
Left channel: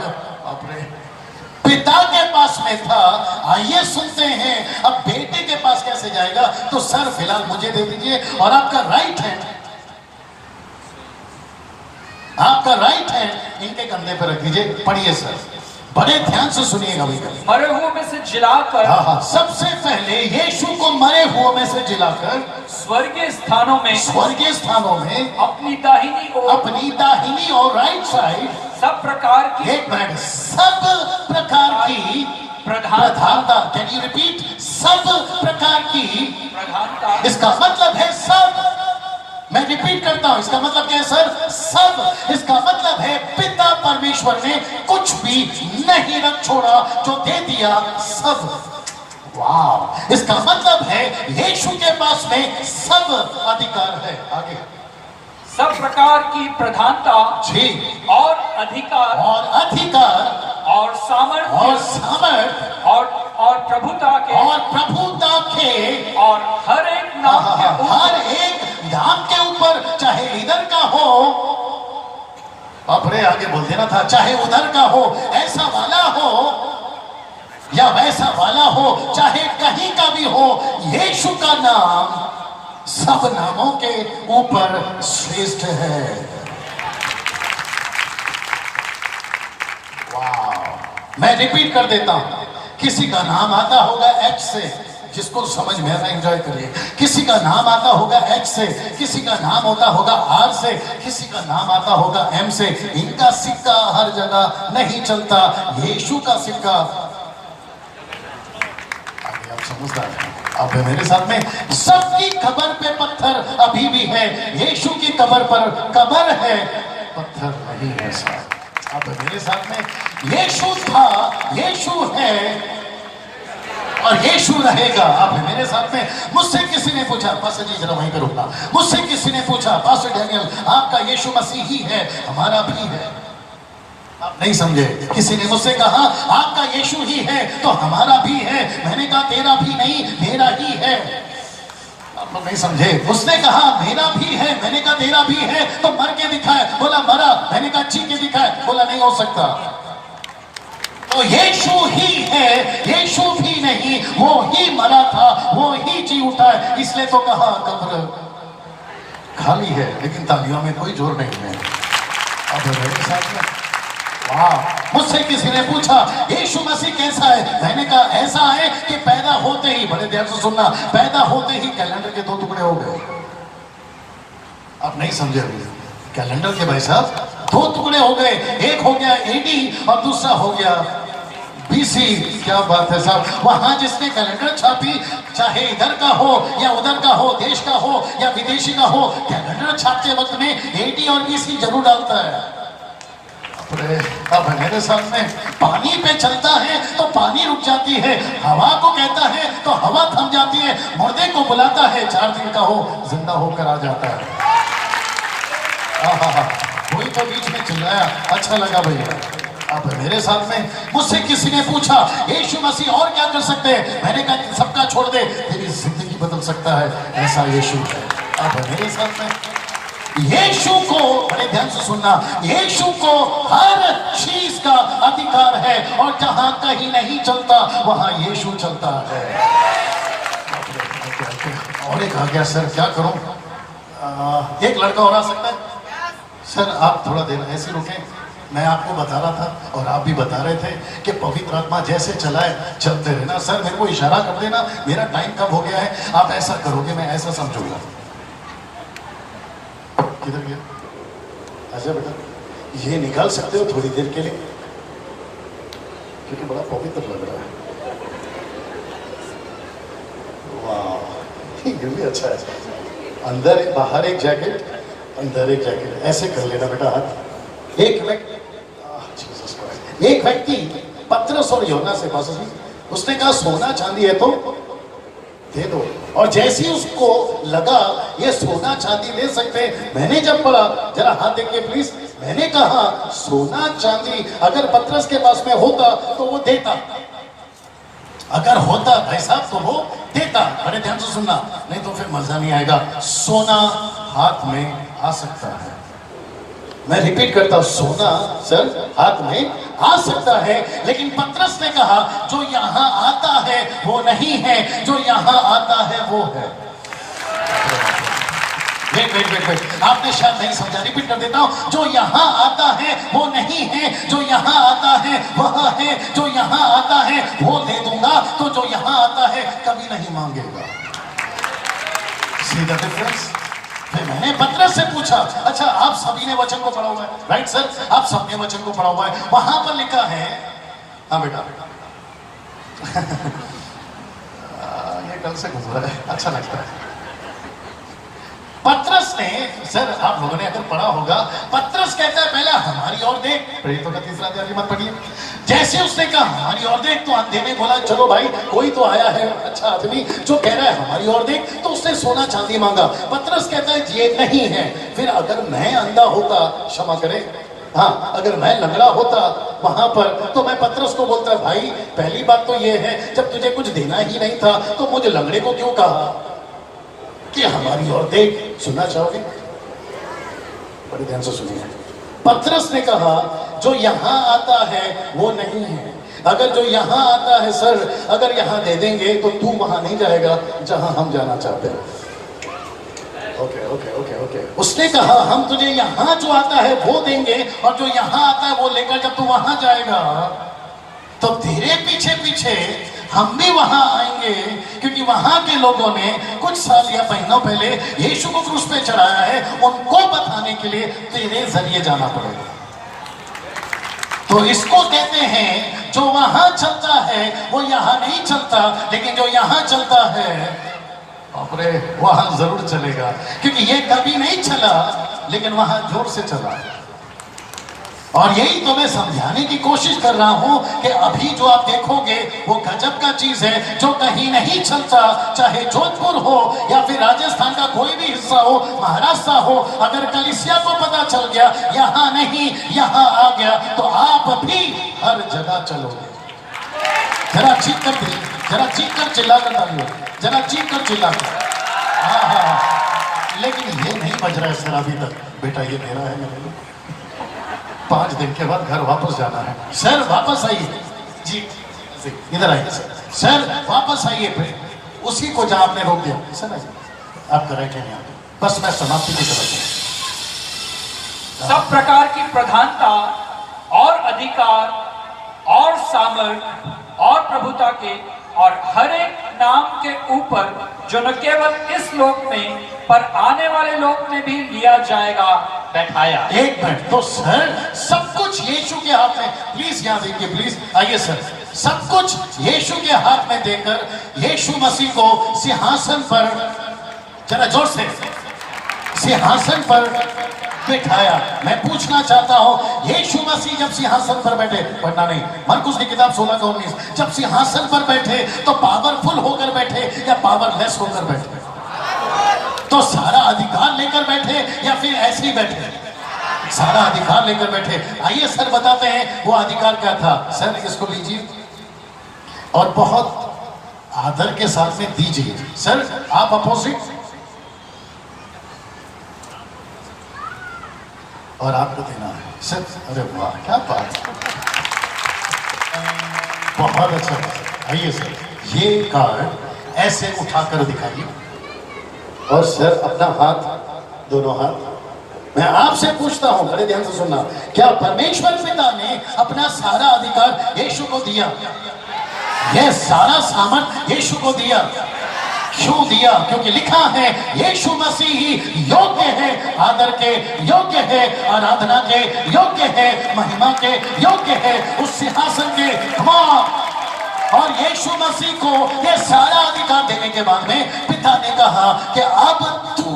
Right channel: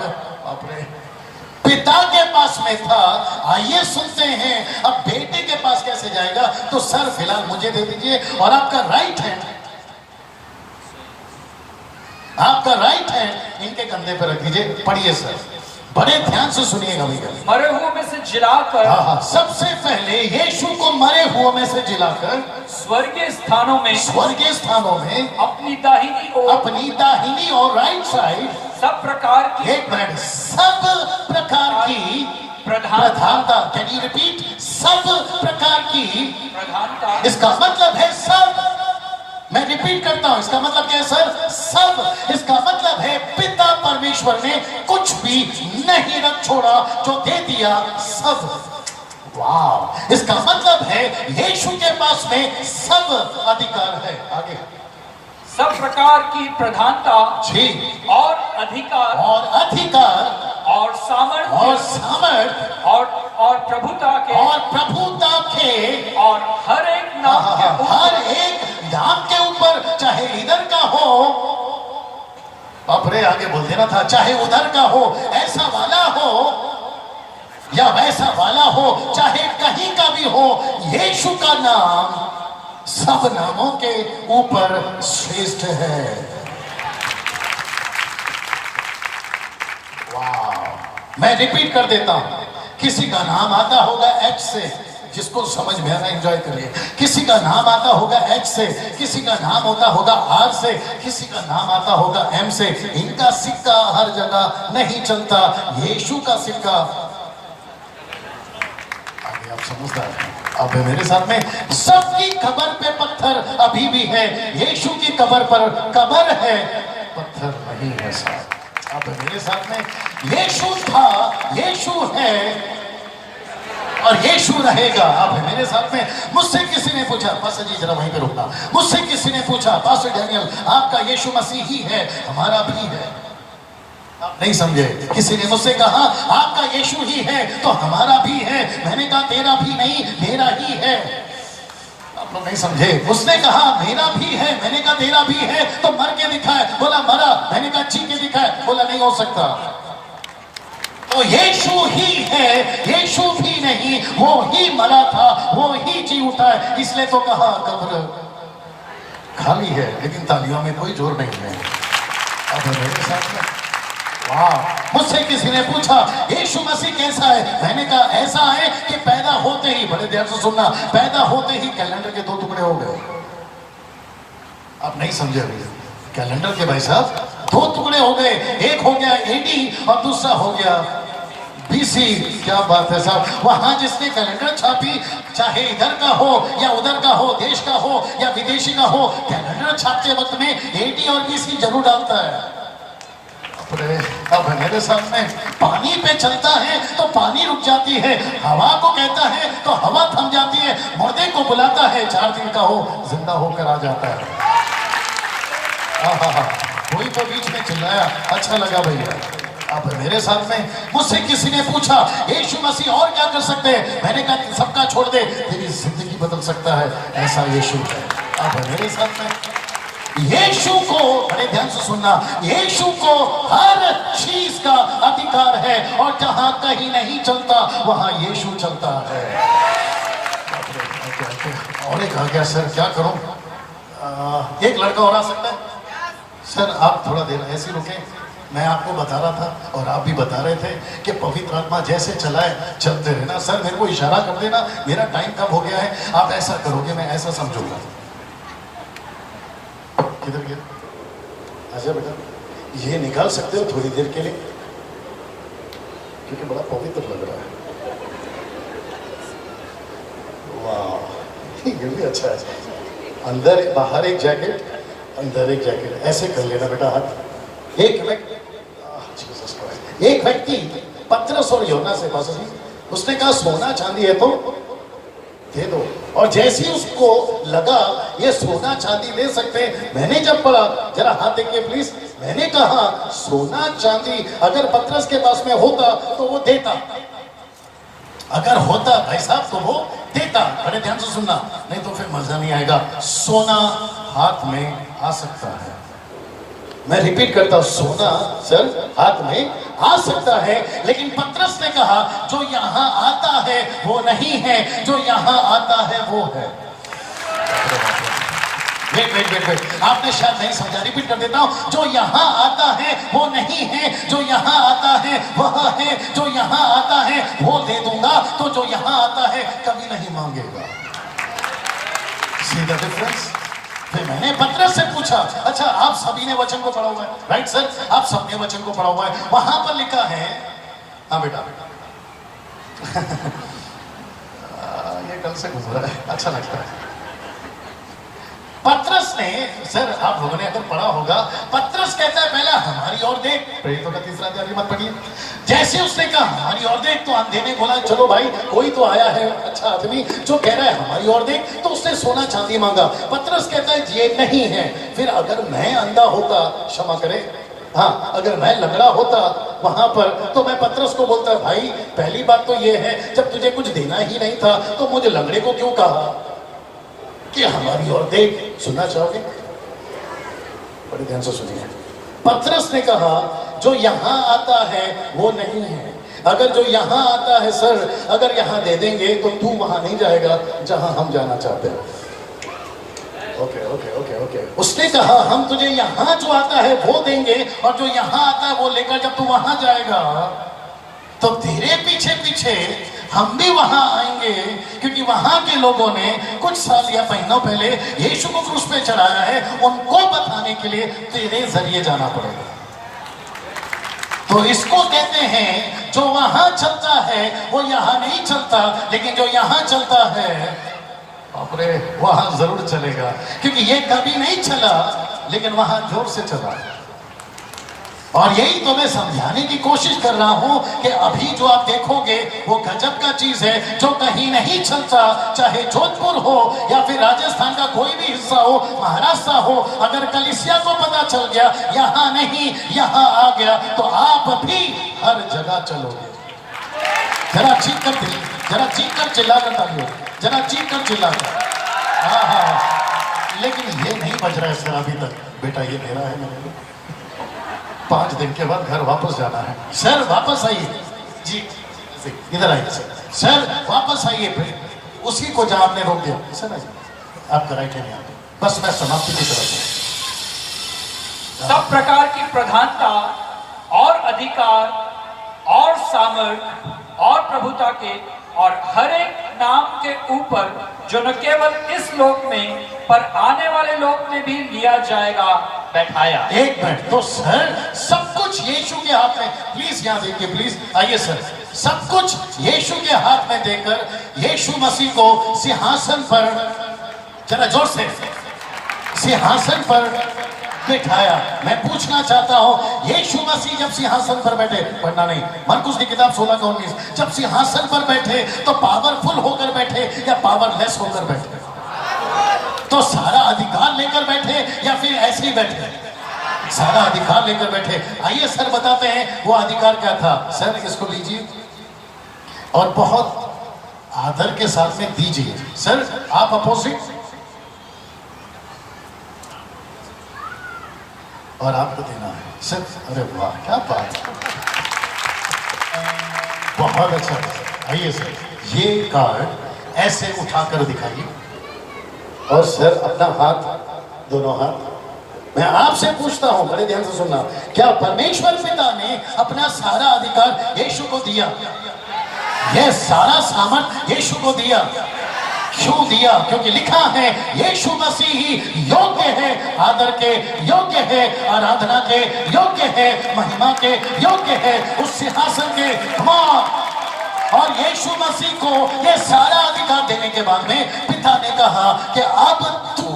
अपने पिता के पास में था। आइए सुनते हैं अब बेटे के पास कैसे जाएगा। तो सर फिलहाल मुझे दे दीजिए, और आपका राइट हैंड, आपका राइट हैंड इनके कंधे पर रख दीजिए। पढ़िए सर, बड़े ध्यान से सुनिएगा भैया। मरे हुओं में से जिलाकर, हाँ, सबसे पहले यीशु को मरे हुओं में से जिलाकर स्वर्गीय स्थानों में, स्वर्गीय स्थानों में अपनी दाहिनी और राइट साइड सब प्रकार की, एक मिनट, सब प्रकार की प्रधानता। Can you repeat? सब प्रकार की प्रधानता। इसका मतलब है सब। मैं रिपीट करता हूं, इसका मतलब क्या है सर? सब। इसका मतलब है पिता परमेश्वर ने कुछ भी नहीं रख छोड़ा, जो दे दिया सब। वाह, इसका मतलब है यीशु के पास में सब अधिकार है। आगे, सब प्रकार की प्रधानता जी, और अधिकार और सामर्थ और प्रभुता के और हर एक नाम के ऊपर, हर एक नाम के ऊपर, चाहे इधर का हो, अपने आगे बोल देना था, चाहे उधर का हो, ऐसा वाला हो या वैसा वाला हो, चाहे कहीं का भी हो, यीशु का नाम सब नामों के ऊपर श्रेष्ठ है। वाह, मैं रिपीट कर देता हूं, किसी का नाम आता होगा एच से, जिसको समझ में आना एंजॉय करिए। किसी का नाम आता होगा एच से, किसी का नाम होता होगा आर से, किसी का नाम आता होगा एम से। इनका सिक्का हर जगह नहीं चलता, यीशु का सिक्का। आप समझदार हैं, अब मेरे साथ में, सबकी कब्र पे पत्थर अभी भी है, यीशु की कब्र पर कब्र है, पत्थर नहीं है साहब। अब मेरे साथ में, यीशु था, यीशु है और यीशु रहेगा। अब मेरे साथ में, मुझसे किसी ने पूछा, पास्टर जी जरा वहीं पे रुकना, मुझसे किसी ने पूछा, पास्टर डैनियल आपका यीशु मसीह ही है, हमारा भी है। आप नहीं समझे? किसी ने मुझसे कहा आपका यीशु ही है तो हमारा भी है। मैंने कहा तेरा भी नहीं, मेरा ही है। आप लोग नहीं समझे? उसने कहा मेरा भी है, मैंने कहा तेरा भी है, तो मर के दिखाए, बोला मरा, मैंने कहा जी के दिखाए, बोला नहीं हो सकता। तो यीशु ही है, यीशु भी नहीं, वो ही मरा था, वो ही जी उठा है, इसलिए तो कहा कब्र खाली है, लेकिन तालियों में कोई जोर नहीं है। अब मेरे साथ में, मुझसे किसी ने पूछा यीशु मसीह कैसा है, मैंने कहा ऐसा है कि पैदा होते ही, बड़े ध्यान से सुनना, पैदा होते ही कैलेंडर के 2 टुकड़े हो गए। आप नहीं समझे? कैलेंडर के भाई साहब 2 टुकड़े हो गए, एक हो गया एडी और दूसरा हो गया बीसी। क्या बात है साहब, वहां जिसने कैलेंडर छापी, चाहे इधर का हो या उधर का हो, देश का हो या विदेशी का हो, कैलेंडर छापते वक्त में एडी और बीसी जरूर डालता है। अब मेरे सामने पानी पे चलता है तो पानी रुक जाती है, हवा को कहता है तो हवा थम जाती है, मुर्दे को बुलाता है 4 दिन का हो जिंदा होकर आ जाता है। कोई तो बीच में चिल्लाया, अच्छा लगा भैया। अब मेरे सामने मुझसे किसी ने पूछा यीशु मसीह और क्या कर सकते हैं, मैंने कहा सबका छोड़ दे, तेरी जिंदगी बदल सकता है, ऐसा यीशु है। अब मेरे सामने यीशु को, बड़े ध्यान से सुनना, यीशु को हर चीज का अधिकार है और जहां कहीं नहीं चलता वहां यीशु चलता है। और एक आ गया सर, क्या करूं? एक लड़का हो सकता है सर, आप थोड़ा देर ऐसे रुके, मैं आपको बता रहा था और आप भी बता रहे थे कि पवित्र आत्मा जैसे चलाए चलते रहना। सर मेरे को इशारा कर देना मेरा टाइम कब हो गया है, आप ऐसा करोगे मैं ऐसा समझूंगा। किधर गया? अच्छा बेटा, ये निकाल सकते हो थोड़ी देर के लिए, क्योंकि बड़ा पवित्र लग रहा है। वाह, ये भी अच्छा है। अंदर एक बाहर एक जैकेट, अंदर एक जैकेट, ऐसे कर लेना बेटा हाथ। एक व्यक्ति पतरस और यूहन्ना से पास, उसने कहा सोना चांदी है तो दे दो, और जैसे ही उसको लगा ये सोना चांदी दे सकते, मैंने जब बोला जरा हाथ देखिए प्लीज, मैंने कहा सोना चांदी अगर पतरस के पास में होता तो वो देता, अगर होता भाई साहब तो वो देता। बड़े ध्यान से सुनना, नहीं तो फिर मजा नहीं आएगा। सोना हाथ में आ सकता है, मैं रिपीट करता हूं, सोना सर हाथ में आ सकता है, लेकिन पतरस ने कहा जो यहां आता है वो नहीं है, जो यहां आता है वो है। वेट, आपने शायद नहीं समझा, रिपीट कर देता हूं, जो यहां आता है वो नहीं है, जो यहां आता है वह है, जो यहां आता है वो दे दूंगा, तो जो यहां आता है कभी नहीं मांगेगा। सीधा डिफरेंस। फिर मैंने पतरस से पूछा, अच्छा आप सभी ने वचन को पढ़ा हुआ है? राइट सर, आप सबने वचन को पढ़ा हुआ है, वहां पर लिखा है, हाँ बेटा ये कल से गुजरा है, अच्छा लगता है। पतरस ने, सर आप लोगों ने अगर पढ़ा होगा, पतरस कहता है पहले हमारी ओर देख, तो तीसरा अध्याय मत पढ़िए। जैसे उसने कहा हमारी ओर देख तो अंधे ने बोला चलो भाई कोई तो आया है अच्छा आदमी जो कह रहा है हमारी ओर देख, तो उसने सोना चांदी मांगा। पतरस कहता है ये नहीं है। फिर अगर मैं अंधा होता, क्षमा करे, हाँ अगर मैं लंगड़ा होता वहां पर, तो मैं पतरस को बोलता भाई पहली बात तो ये है जब तुझे कुछ देना ही नहीं था तो मुझे लंगड़े को क्यों कहा कि हमारी ओर देख। सुनना चाहोगे? बड़े ध्यान से सुनिए। पतरस ने कहा जो यहां आता है वो नहीं है, अगर जो यहां आता है सर अगर यहां दे देंगे तो तू वहां नहीं जाएगा जहां हम जाना चाहते हो। ओके। उसने कहा हम तुझे यहां जो आता है वो देंगे और जो यहां आता है वो लेकर जब तू वहां जाएगा तो तेरे पीछे पीछे हम भी वहां आएंगे, क्योंकि वहां के लोगों ने कुछ साल या महीनों पहले यीशु को क्रूस पे चढ़ाया है, उनको बताने के लिए तेरे जरिए जाना पड़ेगा। तो इसको कहते हैं जो वहां चलता है वो यहां नहीं चलता, लेकिन जो यहां चलता है अपने वहां जरूर चलेगा, क्योंकि ये कभी नहीं चला लेकिन वहां जोर से चला। और यही तो मैं समझाने की कोशिश कर रहा हूं कि अभी जो आप देखोगे वो गजब का चीज है जो कहीं नहीं चलता, चाहे जोधपुर हो या फिर राजस्थान का कोई भी हिस्सा हो, महाराष्ट्र हो, अगर कलीसिया को पता चल गया यहां नहीं यहां आ गया तो आप भी हर जगह चलोगे। जरा चीख कर चिल्ला कर तालियों, जरा चीख कर चिल्ला कर। लेकिन ये नहीं बज रहा है सर अभी तक, बेटा ये मेरा है, मेरे 5 दिन के बाद घर वापस जाना है। सर वापस आइए जी, इधर आइए सर वापस आइए। फिर उसी को जहां आपने रोक दिया सर आप कराए नहीं, बस मैं समाप्ति नहीं कर। सब प्रकार की प्रधानता और अधिकार और सामर्थ और प्रभुता के और हर एक नाम के ऊपर जो न केवल इस लोक में पर आने वाले लोक में भी लिया जाएगा बैठाया। एक मिनट, तो सर सब कुछ यीशु के हाथ में, प्लीज यहां देखिए, प्लीज आइए सर, सब कुछ यीशु के हाथ में देकर यीशु मसीह को सिंहासन पर, जरा जोर से, सिंहासन पर बिठाया। मैं पूछना चाहता हूं, यीशु मसीह जब सिंहासन पर बैठे, पढ़ना नहीं, मरकुस की किताब 16:19, जब सिंहासन पर बैठे तो पावरफुल होकर बैठे या पावरलेस होकर बैठे? तो सारा अधिकार लेकर बैठे या फिर ऐसे ही बैठे? सारा अधिकार लेकर बैठे। आइए सर बताते हैं वो अधिकार क्या था। सर इसको लीजिए और बहुत आदर के साथ में दीजिए। सर आप अपोजिट और आपको देना है सर। अरे वाह क्या बात, बहुत अच्छा। आइए सर, ये कार्ड ऐसे उठाकर दिखाइए और सर अपना हाथ, दोनों हाथ। मैं आपसे पूछता हूं, बड़े ध्यान से सुनना, क्या परमेश्वर पिता ने अपना सारा अधिकार यीशु को दिया? यह सारा सामर्थ यीशु को दिया। क्यों दिया? क्योंकि लिखा है यीशु मसीह ही योग्य है, आदर के योग्य है, आराधना के योग्य है, महिमा के योग्य है, उस सिंहासन के मां। और यीशु मसीह को यह सारा अधिकार देने के बाद में पिता ने कहा कि अब तू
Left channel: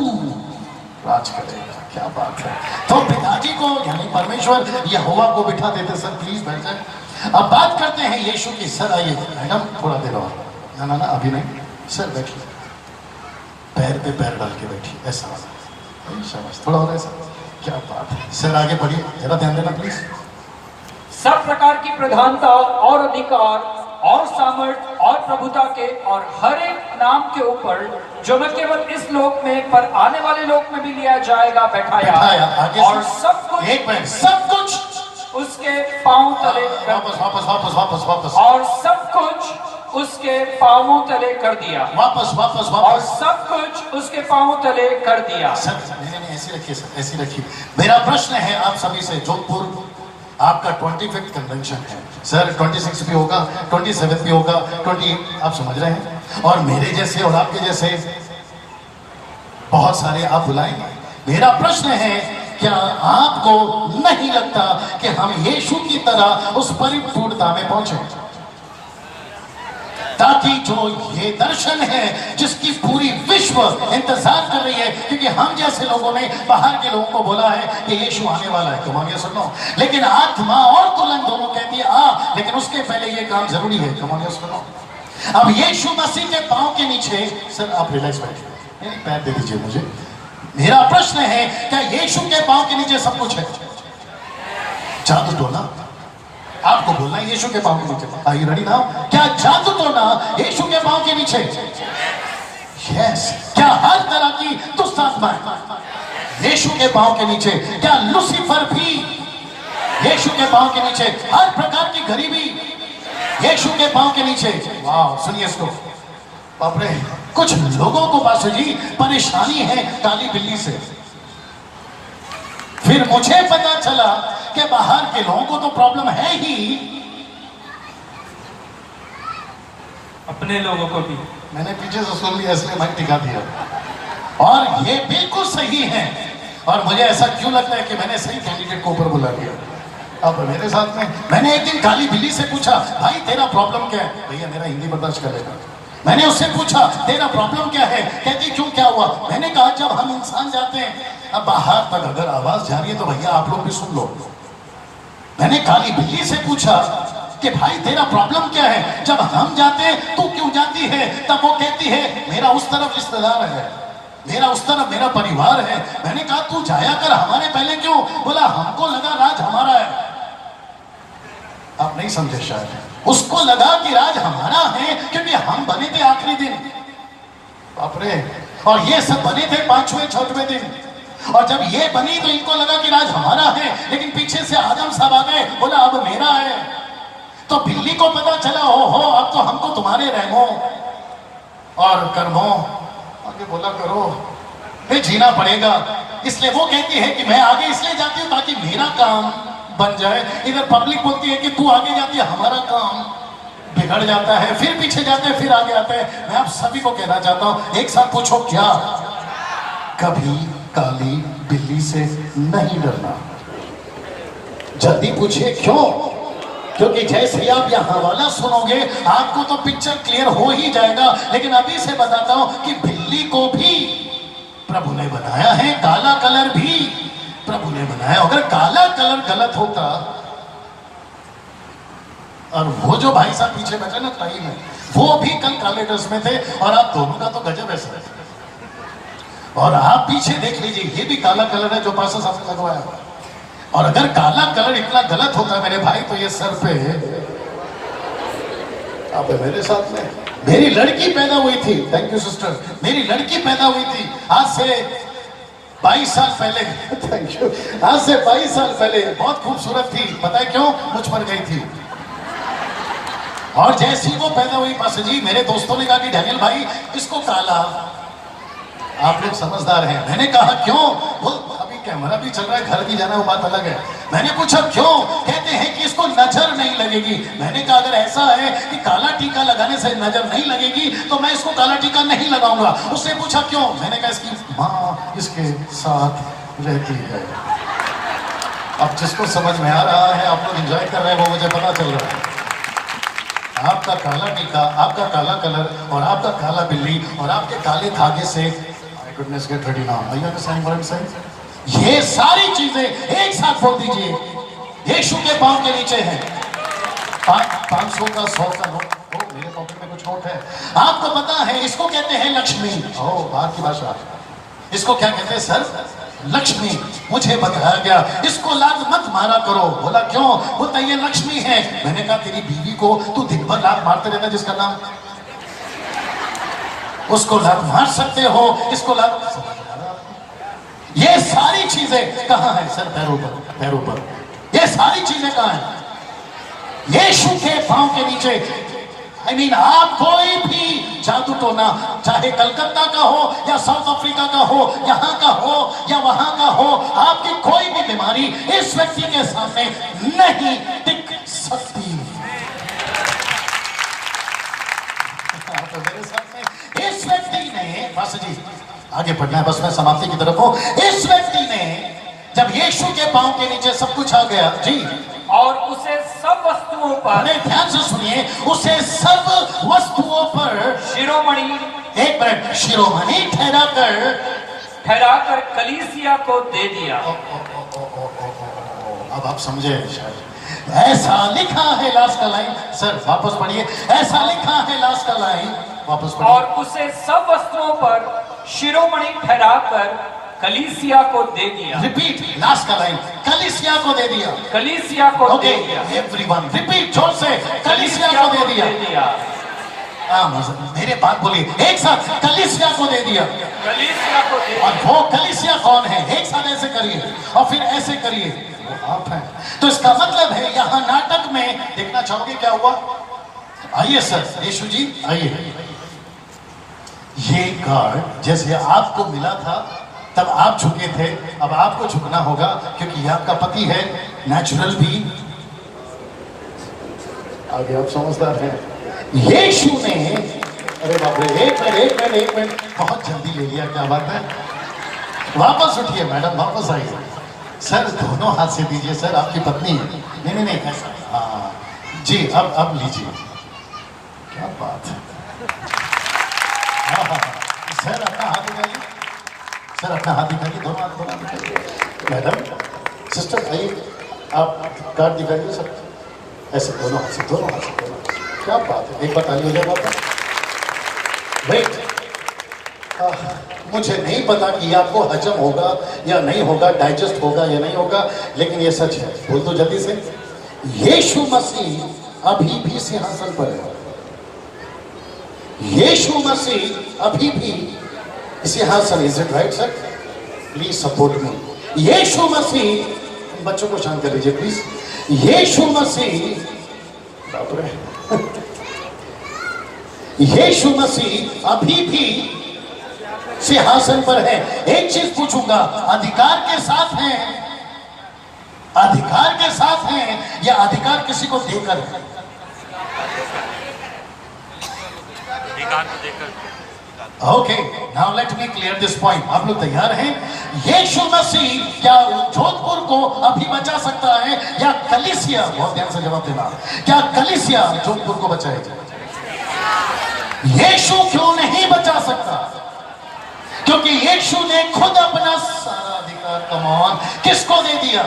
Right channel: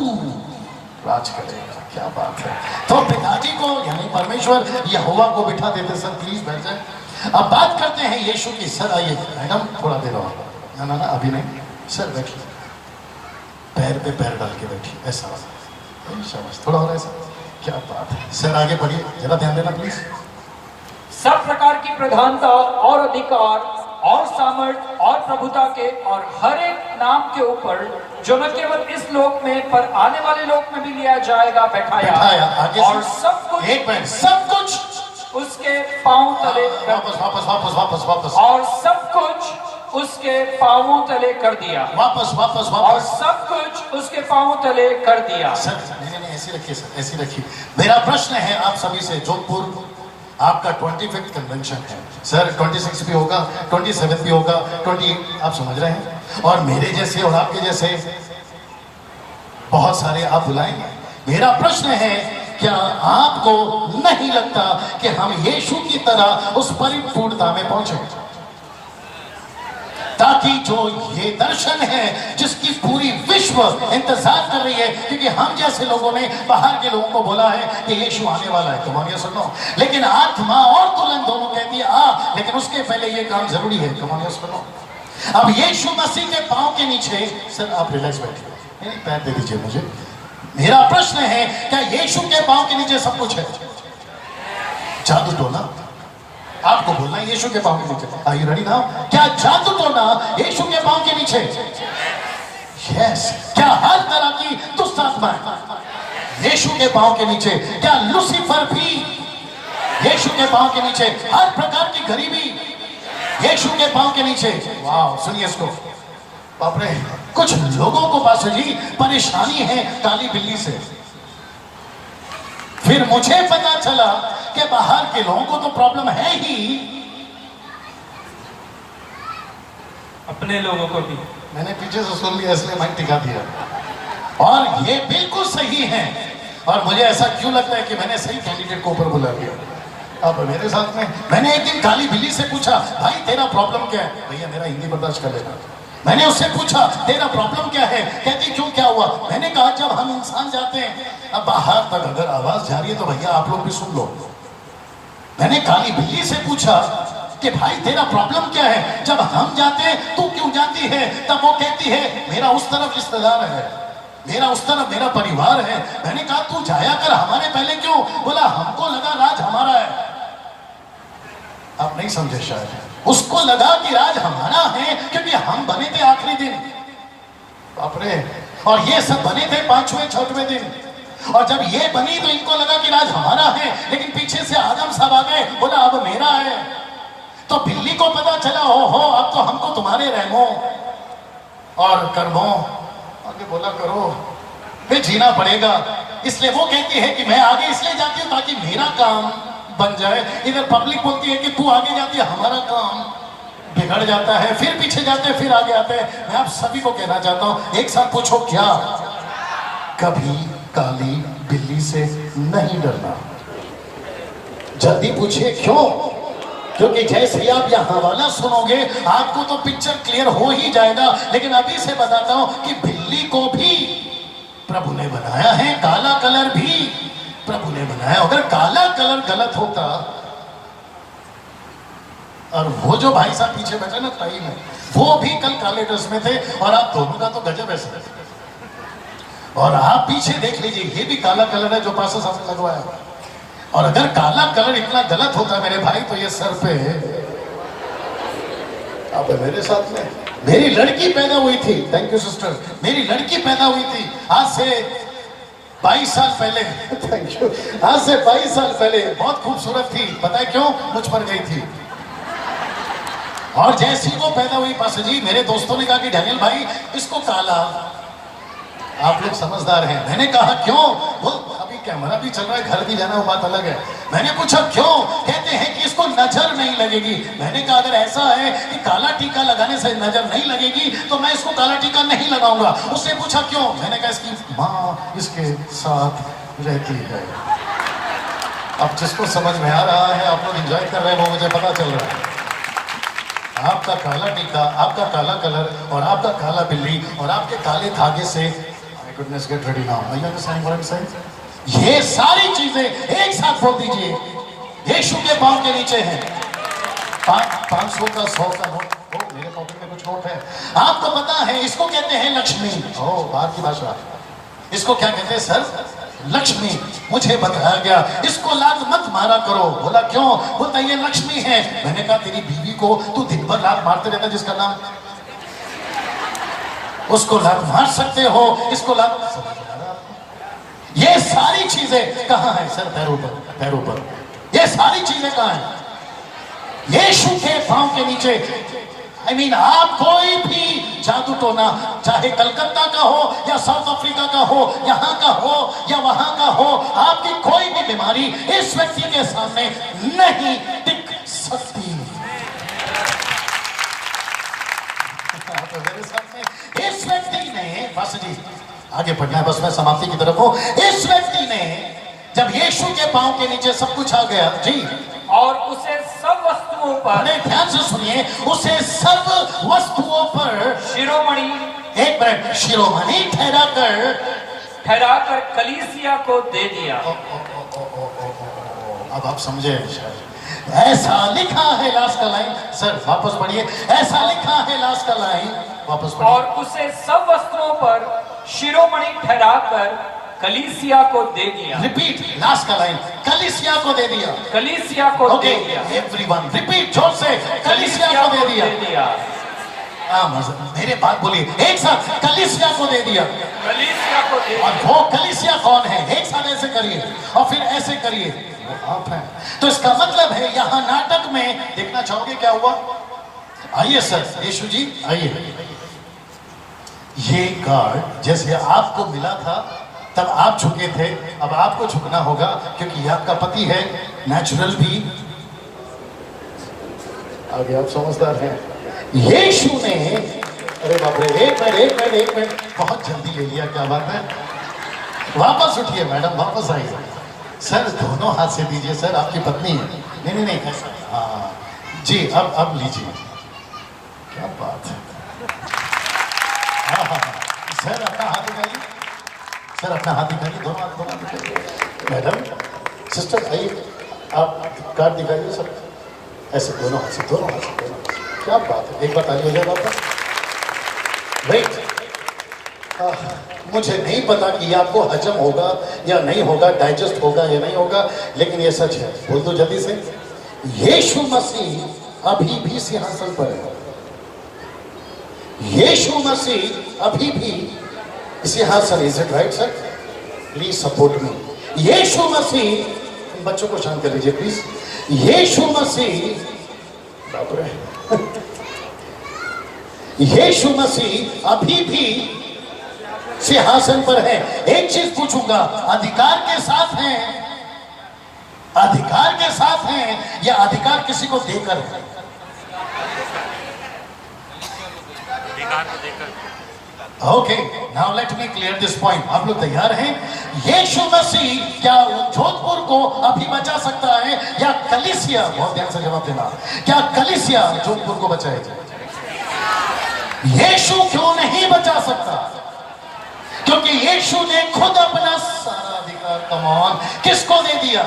राज करेगा। क्या बात है। तो पिताजी को यानी परमेश्वर यहोवा को बिठा देते। सर प्लीज बैठ जाए। अब बात करते हैं यीशु की। सर आइए मैडम, थोड़ा देर और है ना, अभी नहीं। सर बैठिए, पैर पे पैर डाल के बैठिए, ऐसा थोड़ा और ऐसा। क्या बात है। सर आगे बढ़िए, जरा ध्यान देना प्लीज। सब प्रकार की प्रधानता और अधिकार और सामर्थ और प्रभुता के और हर एक नाम के ऊपर जो न केवल इस लोक में पर आने वाले लोक में भी लिया जाएगा बैठाया। आगे और सब कुछ, एक मिनट, सब कुछ उसके पांव तले वापस वापस वापस वापस वापस और सब कुछ उसके पांवों तले कर दिया। वापस वापस और वापस सब कुछ उसके पांवों तले कर दिया। सर नहीं, ऐसे रखिए सर, ऐसे रखिए। मेरा प्रश्न है आप सभी से, जोधपुर आपका 25th कन्वेंशन है सर, 26 भी होगा, 27 भी होगा, 20, आप समझ रहे हैं। और मेरे जैसे और आपके जैसे बहुत सारे आप बुलाएंगे। मेरा प्रश्न है, क्या आपको नहीं लगता कि हम यीशु की तरह उस परिपूर्णता में पहुंचे, ताकि जो ये दर्शन है जिसकी पूरी विश्व इंतजार कर रही है, क्योंकि हम जैसे लोगों ने बाहर के लोगों को बोला है कि यीशु आने वाला है, तुम आगे सुनो, लेकिन आत्मा और दुल्हन दोनों कहती है आ, लेकिन उसके पहले ये काम जरूरी है, तुम आगे सुनो। अब यीशु मसीह के पांव के नीचे, सर आप रिलैक्स बैठिए, पैर दे दीजिए मुझे। मेरा प्रश्न है, क्या यीशु के पांव के नीचे सब कुछ है? जादू टोना आपको बोलना है यीशु के पांव के नीचे। Are you ready now? क्या जादू टोना यीशु के पांव के नीचे? यस। क्या हर तरह की दुष्ट आत्माएं यीशु के पांव के नीचे? क्या लूसीफर भी यीशु के पांव के नीचे? हर प्रकार की गरीबी यीशु के पांव के नीचे। वाह, सुनिए इसको। बाप रे, कुछ लोगों को पास जी परेशानी है काली बिल्ली से। फिर मुझे पता चला कि बाहर के लोगों को तो प्रॉब्लम है ही, अपने लोगों को भी। मैंने पीछे से सुन लिया, इसलिए मैं टिका दिया। और ये बिल्कुल सही है। और मुझे ऐसा क्यों लगता है कि मैंने सही कैंडिडेट को ऊपर बुला दिया। आप मेरे साथ में, मैंने एक दिन काली बिल्ली से पूछा, भाई तेरा प्रॉब्लम क्या है? भैया मेरा हिंदी बर्दाश्त करेगा। मैंने उससे पूछा तेरा प्रॉब्लम क्या है? कहती क्यों, क्या हुआ? मैंने कहा जब हम इंसान जाते हैं, अब बाहर तक अगर आवाज जा रही है तो भैया आप लोग भी सुन लो। मैंने काली बिल्ली से पूछा कि भाई तेरा प्रॉब्लम क्या है? जब हम जाते हैं तू क्यों जाती है? तब वो कहती है मेरा उस तरफ रिश्तेदार है, मेरा उस तरफ मेरा परिवार है। मैंने कहा तू जाया कर, हमारे पहले क्यों? बोला हमको लगा राज हमारा है। आप नहीं समझे शायद, उसको लगा कि राज हमारा है क्योंकि हम बने थे आखिरी दिन। बाप रे, और ये सब बने थे 5वें 6वें दिन। और जब ये बनी तो इनको लगा कि राज हमारा है, लेकिन पीछे से आदम साहब आ गए, बोला अब मेरा है। तो बिल्ली को पता चला, हो अब तो हमको तुम्हारे रहमो और कर्मों आगे बोला करो फिर जीना पड़ेगा। इसलिए वो कहती है कि मैं आगे इसलिए जाती हूं ताकि मेरा काम बन जाए। इधर पब्लिक बोलती है कि तू आगे जाती है, हमारा काम बिगड़ जाता है। फिर पीछे जाते हैं, फिर आगे आते हैं। मैं आप सभी को कहना चाहता हूं, एक साथ पूछो, क्या कभी काली बिल्ली से नहीं डरना? जल्दी पूछिए क्यों? क्योंकि जैसे ही आप यह हवाला सुनोगे आपको तो पिक्चर क्लियर हो ही जाएगा। लेकिन अभी से बताता हूं कि बिल्ली को भी प्रभु ने बनाया है, काला कलर भी प्रभु हमने बनाया। अगर काला कलर गलत होता, और वो जो भाई साहब पीछे बैठे ना पाई में, वो भी कल काले ड्रेस में थे, और आप दोनों का तो गजब है सर। और आप पीछे देख लीजिए, ये भी काला कलर है जो पास साफ लगवाया। और अगर काला कलर इतना गलत होता मेरे भाई, तो ये सर पे आप मेरे साथ में मेरी लड़की पैदा हुई थी। Thank you sister. मेरी लड़की पैदा हुई थी आज से 22 साल पहले। Thank you. आज से 22 साल पहले बहुत खूबसूरत थी। पता है क्यों? मुझ पर गई थी। और जैसी वो पैदा हुई पास जी, मेरे दोस्तों ने कहा कि डैनियल भाई इसको काला। आप लोग समझदार हैं। मैंने कहा क्यों? वो अभी कैमरा भी चल रहा है, घर भी जाना, वो बात अलग है। मैंने पूछा क्यों? कहते हैं कि इसको नजर नहीं लगेगी। मैंने कहा अगर ऐसा है कि काला टीका लगाने से नजर नहीं लगेगी, तो मैं इसको काला टीका नहीं लगाऊंगा। उससे पूछा क्यों? मैंने कहा इसकी माँ इसके साथ रहती है। अब जिसको समझ में आ रहा है, आप लोग एंजॉय कर रहे हैं, वो मुझे पता चल रहा है। आपका काला टीका, आपका काला कलर, और आपका काला बिल्ली, और आपके काले धागे से गुडनेस गेट रेडी नाउ। ये सारी चीजें एक साथ बोल दीजिए, यीशु के पांव के नीचे है। 500 का 100 का नोट, मेरे पॉकेट में कुछ नोट है। आपको पता है इसको कहते हैं लक्ष्मी। बाहर की भाषा। इसको क्या कहते हैं सर? लक्ष्मी। मुझे बताया गया इसको लात मत मारा करो। बोला क्यों? वो तो ये लक्ष्मी है। मैंने कहा तेरी बीवी को तू दिन भर लात मारते रहता, जिसका नाम, उसको लात मार सकते हो, इसको लात। ये सारी चीजें कहां है सर? पैरों पर, पैरों पर। ये सारी चीजें कहां है? यीशु के पांव के नीचे। आप कोई भी जादू टोना, चाहे कलकत्ता का हो या साउथ अफ्रीका का हो, यहां का हो या वहां का हो, आपकी कोई भी बीमारी इस व्यक्ति के सामने नहीं टिक सकती। इस व्यक्ति ने, बस जी आगे बढ़ना, बस मैं समाप्ति की तरफ हूं। इस व्यक्ति ने जब यीशु के पांव के नीचे सब कुछ आ गया जी, और उसे सब वस्तुओं पर, ध्यान से सुनिए, उसे सब वस्तुओं पर शिरोमणि, एक मिनट, शिरोमणि ठहराकर कलीसिया को दे दिया। अब आप समझे। ऐसा लिखा है लास्ट का लाइन, सर वापस पढ़िए। ऐसा लिखा है लास्ट का लाइन, वापस पढ़िए। और उसे सब वस्तुओं पर शिरोमणि ठहराकर कलीसिया को दे दिया। रिपीट लास्ट का लाइन, कलीसिया को दे दिया। कलीसिया को दे दिया। एवरीवन रिपीट जोर से, कलीसिया को दे दिया। मेरे बात बोलिए एक साथ, कलीसिया को दे दिया। कलीसिया को दे दिया। और वो कलीसिया कौन है? एक साथ ऐसे करिए और फिर ऐसे करिए, आप हैं। तो इसका मतलब है यहां नाटक में देखना चाहोगे क्या हुआ? आइए सर, यीशु जी आइए। ये कार्ड जैसे आपको मिला था तब आप झुके थे, अब आपको झुकना होगा, क्योंकि ये आपका पति है। नेचुरल भी आगे, आप समझदार हैं। यीशु ने, अरे बाप रे, एक मिनट, बहुत जल्दी ले लिया, क्या बात है? वापस उठिए मैडम, वापस आइए। सर दोनों हाथ से दीजिए, सर आपकी पत्नी है। नहीं ऐसा, हाँ जी, अब लीजिए। क्या बात है। हाँ, सर अपना हाथ दिखाइए, सर अपना हाथ दिखाइए, दोनों हाथ। मैडम, सिस्टर आइए, आप कार्ड दिखाइए सर, ऐसे दोनों हाथ से। क्या बात है, एक बार ताली हो जाए। वेट, मुझे नहीं पता कि आपको हजम होगा या नहीं होगा, डाइजेस्ट होगा या नहीं होगा, लेकिन ये सच है। बोल दो जल्दी से, यीशु मसीह अभी भी सिंहासन पर है। यीशु मसीह अभी भी सिंहासन, is it right sir? Please support me. यीशु मसीह, बच्चों को शांत कर लीजिए प्लीज। यीशु मसीह, यीशु मसीह अभी भी सिंहासन पर है। एक चीज पूछूंगा, अधिकार के साथ है? अधिकार के साथ है या अधिकार किसी को देकर है? अधिकार को देकर। Okay, now let me clear this point. आप लोग तैयार हैं? यीशु मसीह क्या जोधपुर को अभी बचा सकता है या कलीसिया, बहुत ध्यान से जवाब देना, क्या कलीसिया जोधपुर को बचाएगा? यीशु क्यों नहीं बचा सकता? क्योंकि यीशु ने खुद अपना सारा अधिकार कम ऑन, किसको दे दिया?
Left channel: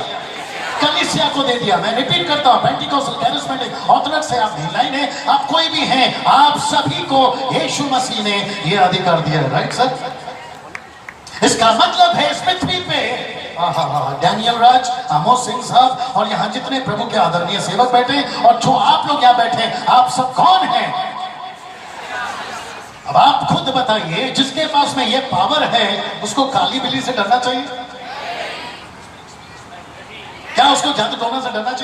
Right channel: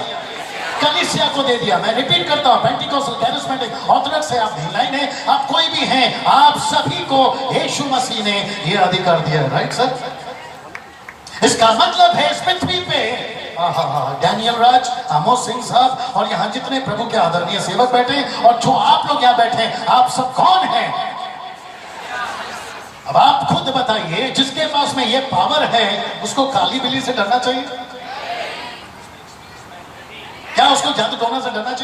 कलीसिया को दे दिया। मैं रिपीट करता हूं, पेंटिकॉस्टल कैरिस्मेटिक ऑर्थोडॉक्स है, आप भिलाई ने, आप कोई भी हैं, आप सभी को यीशु मसीह ने यह अधिकार दिया। Right sir? इसका मतलब है इस पृथ्वी पे डैनियल राज, आमोस सिंह साहब और यहाँ जितने प्रभु के आदरणीय सेवक बैठे और जो आप लोग यहाँ बैठे, आप सब कौन हैं? अब आप खुद बताइए, जिसके पास में ये पावर है उसको काली बिल्ली से डरना चाहिए क्या? उसको जादू टोना से डरना चाहिए?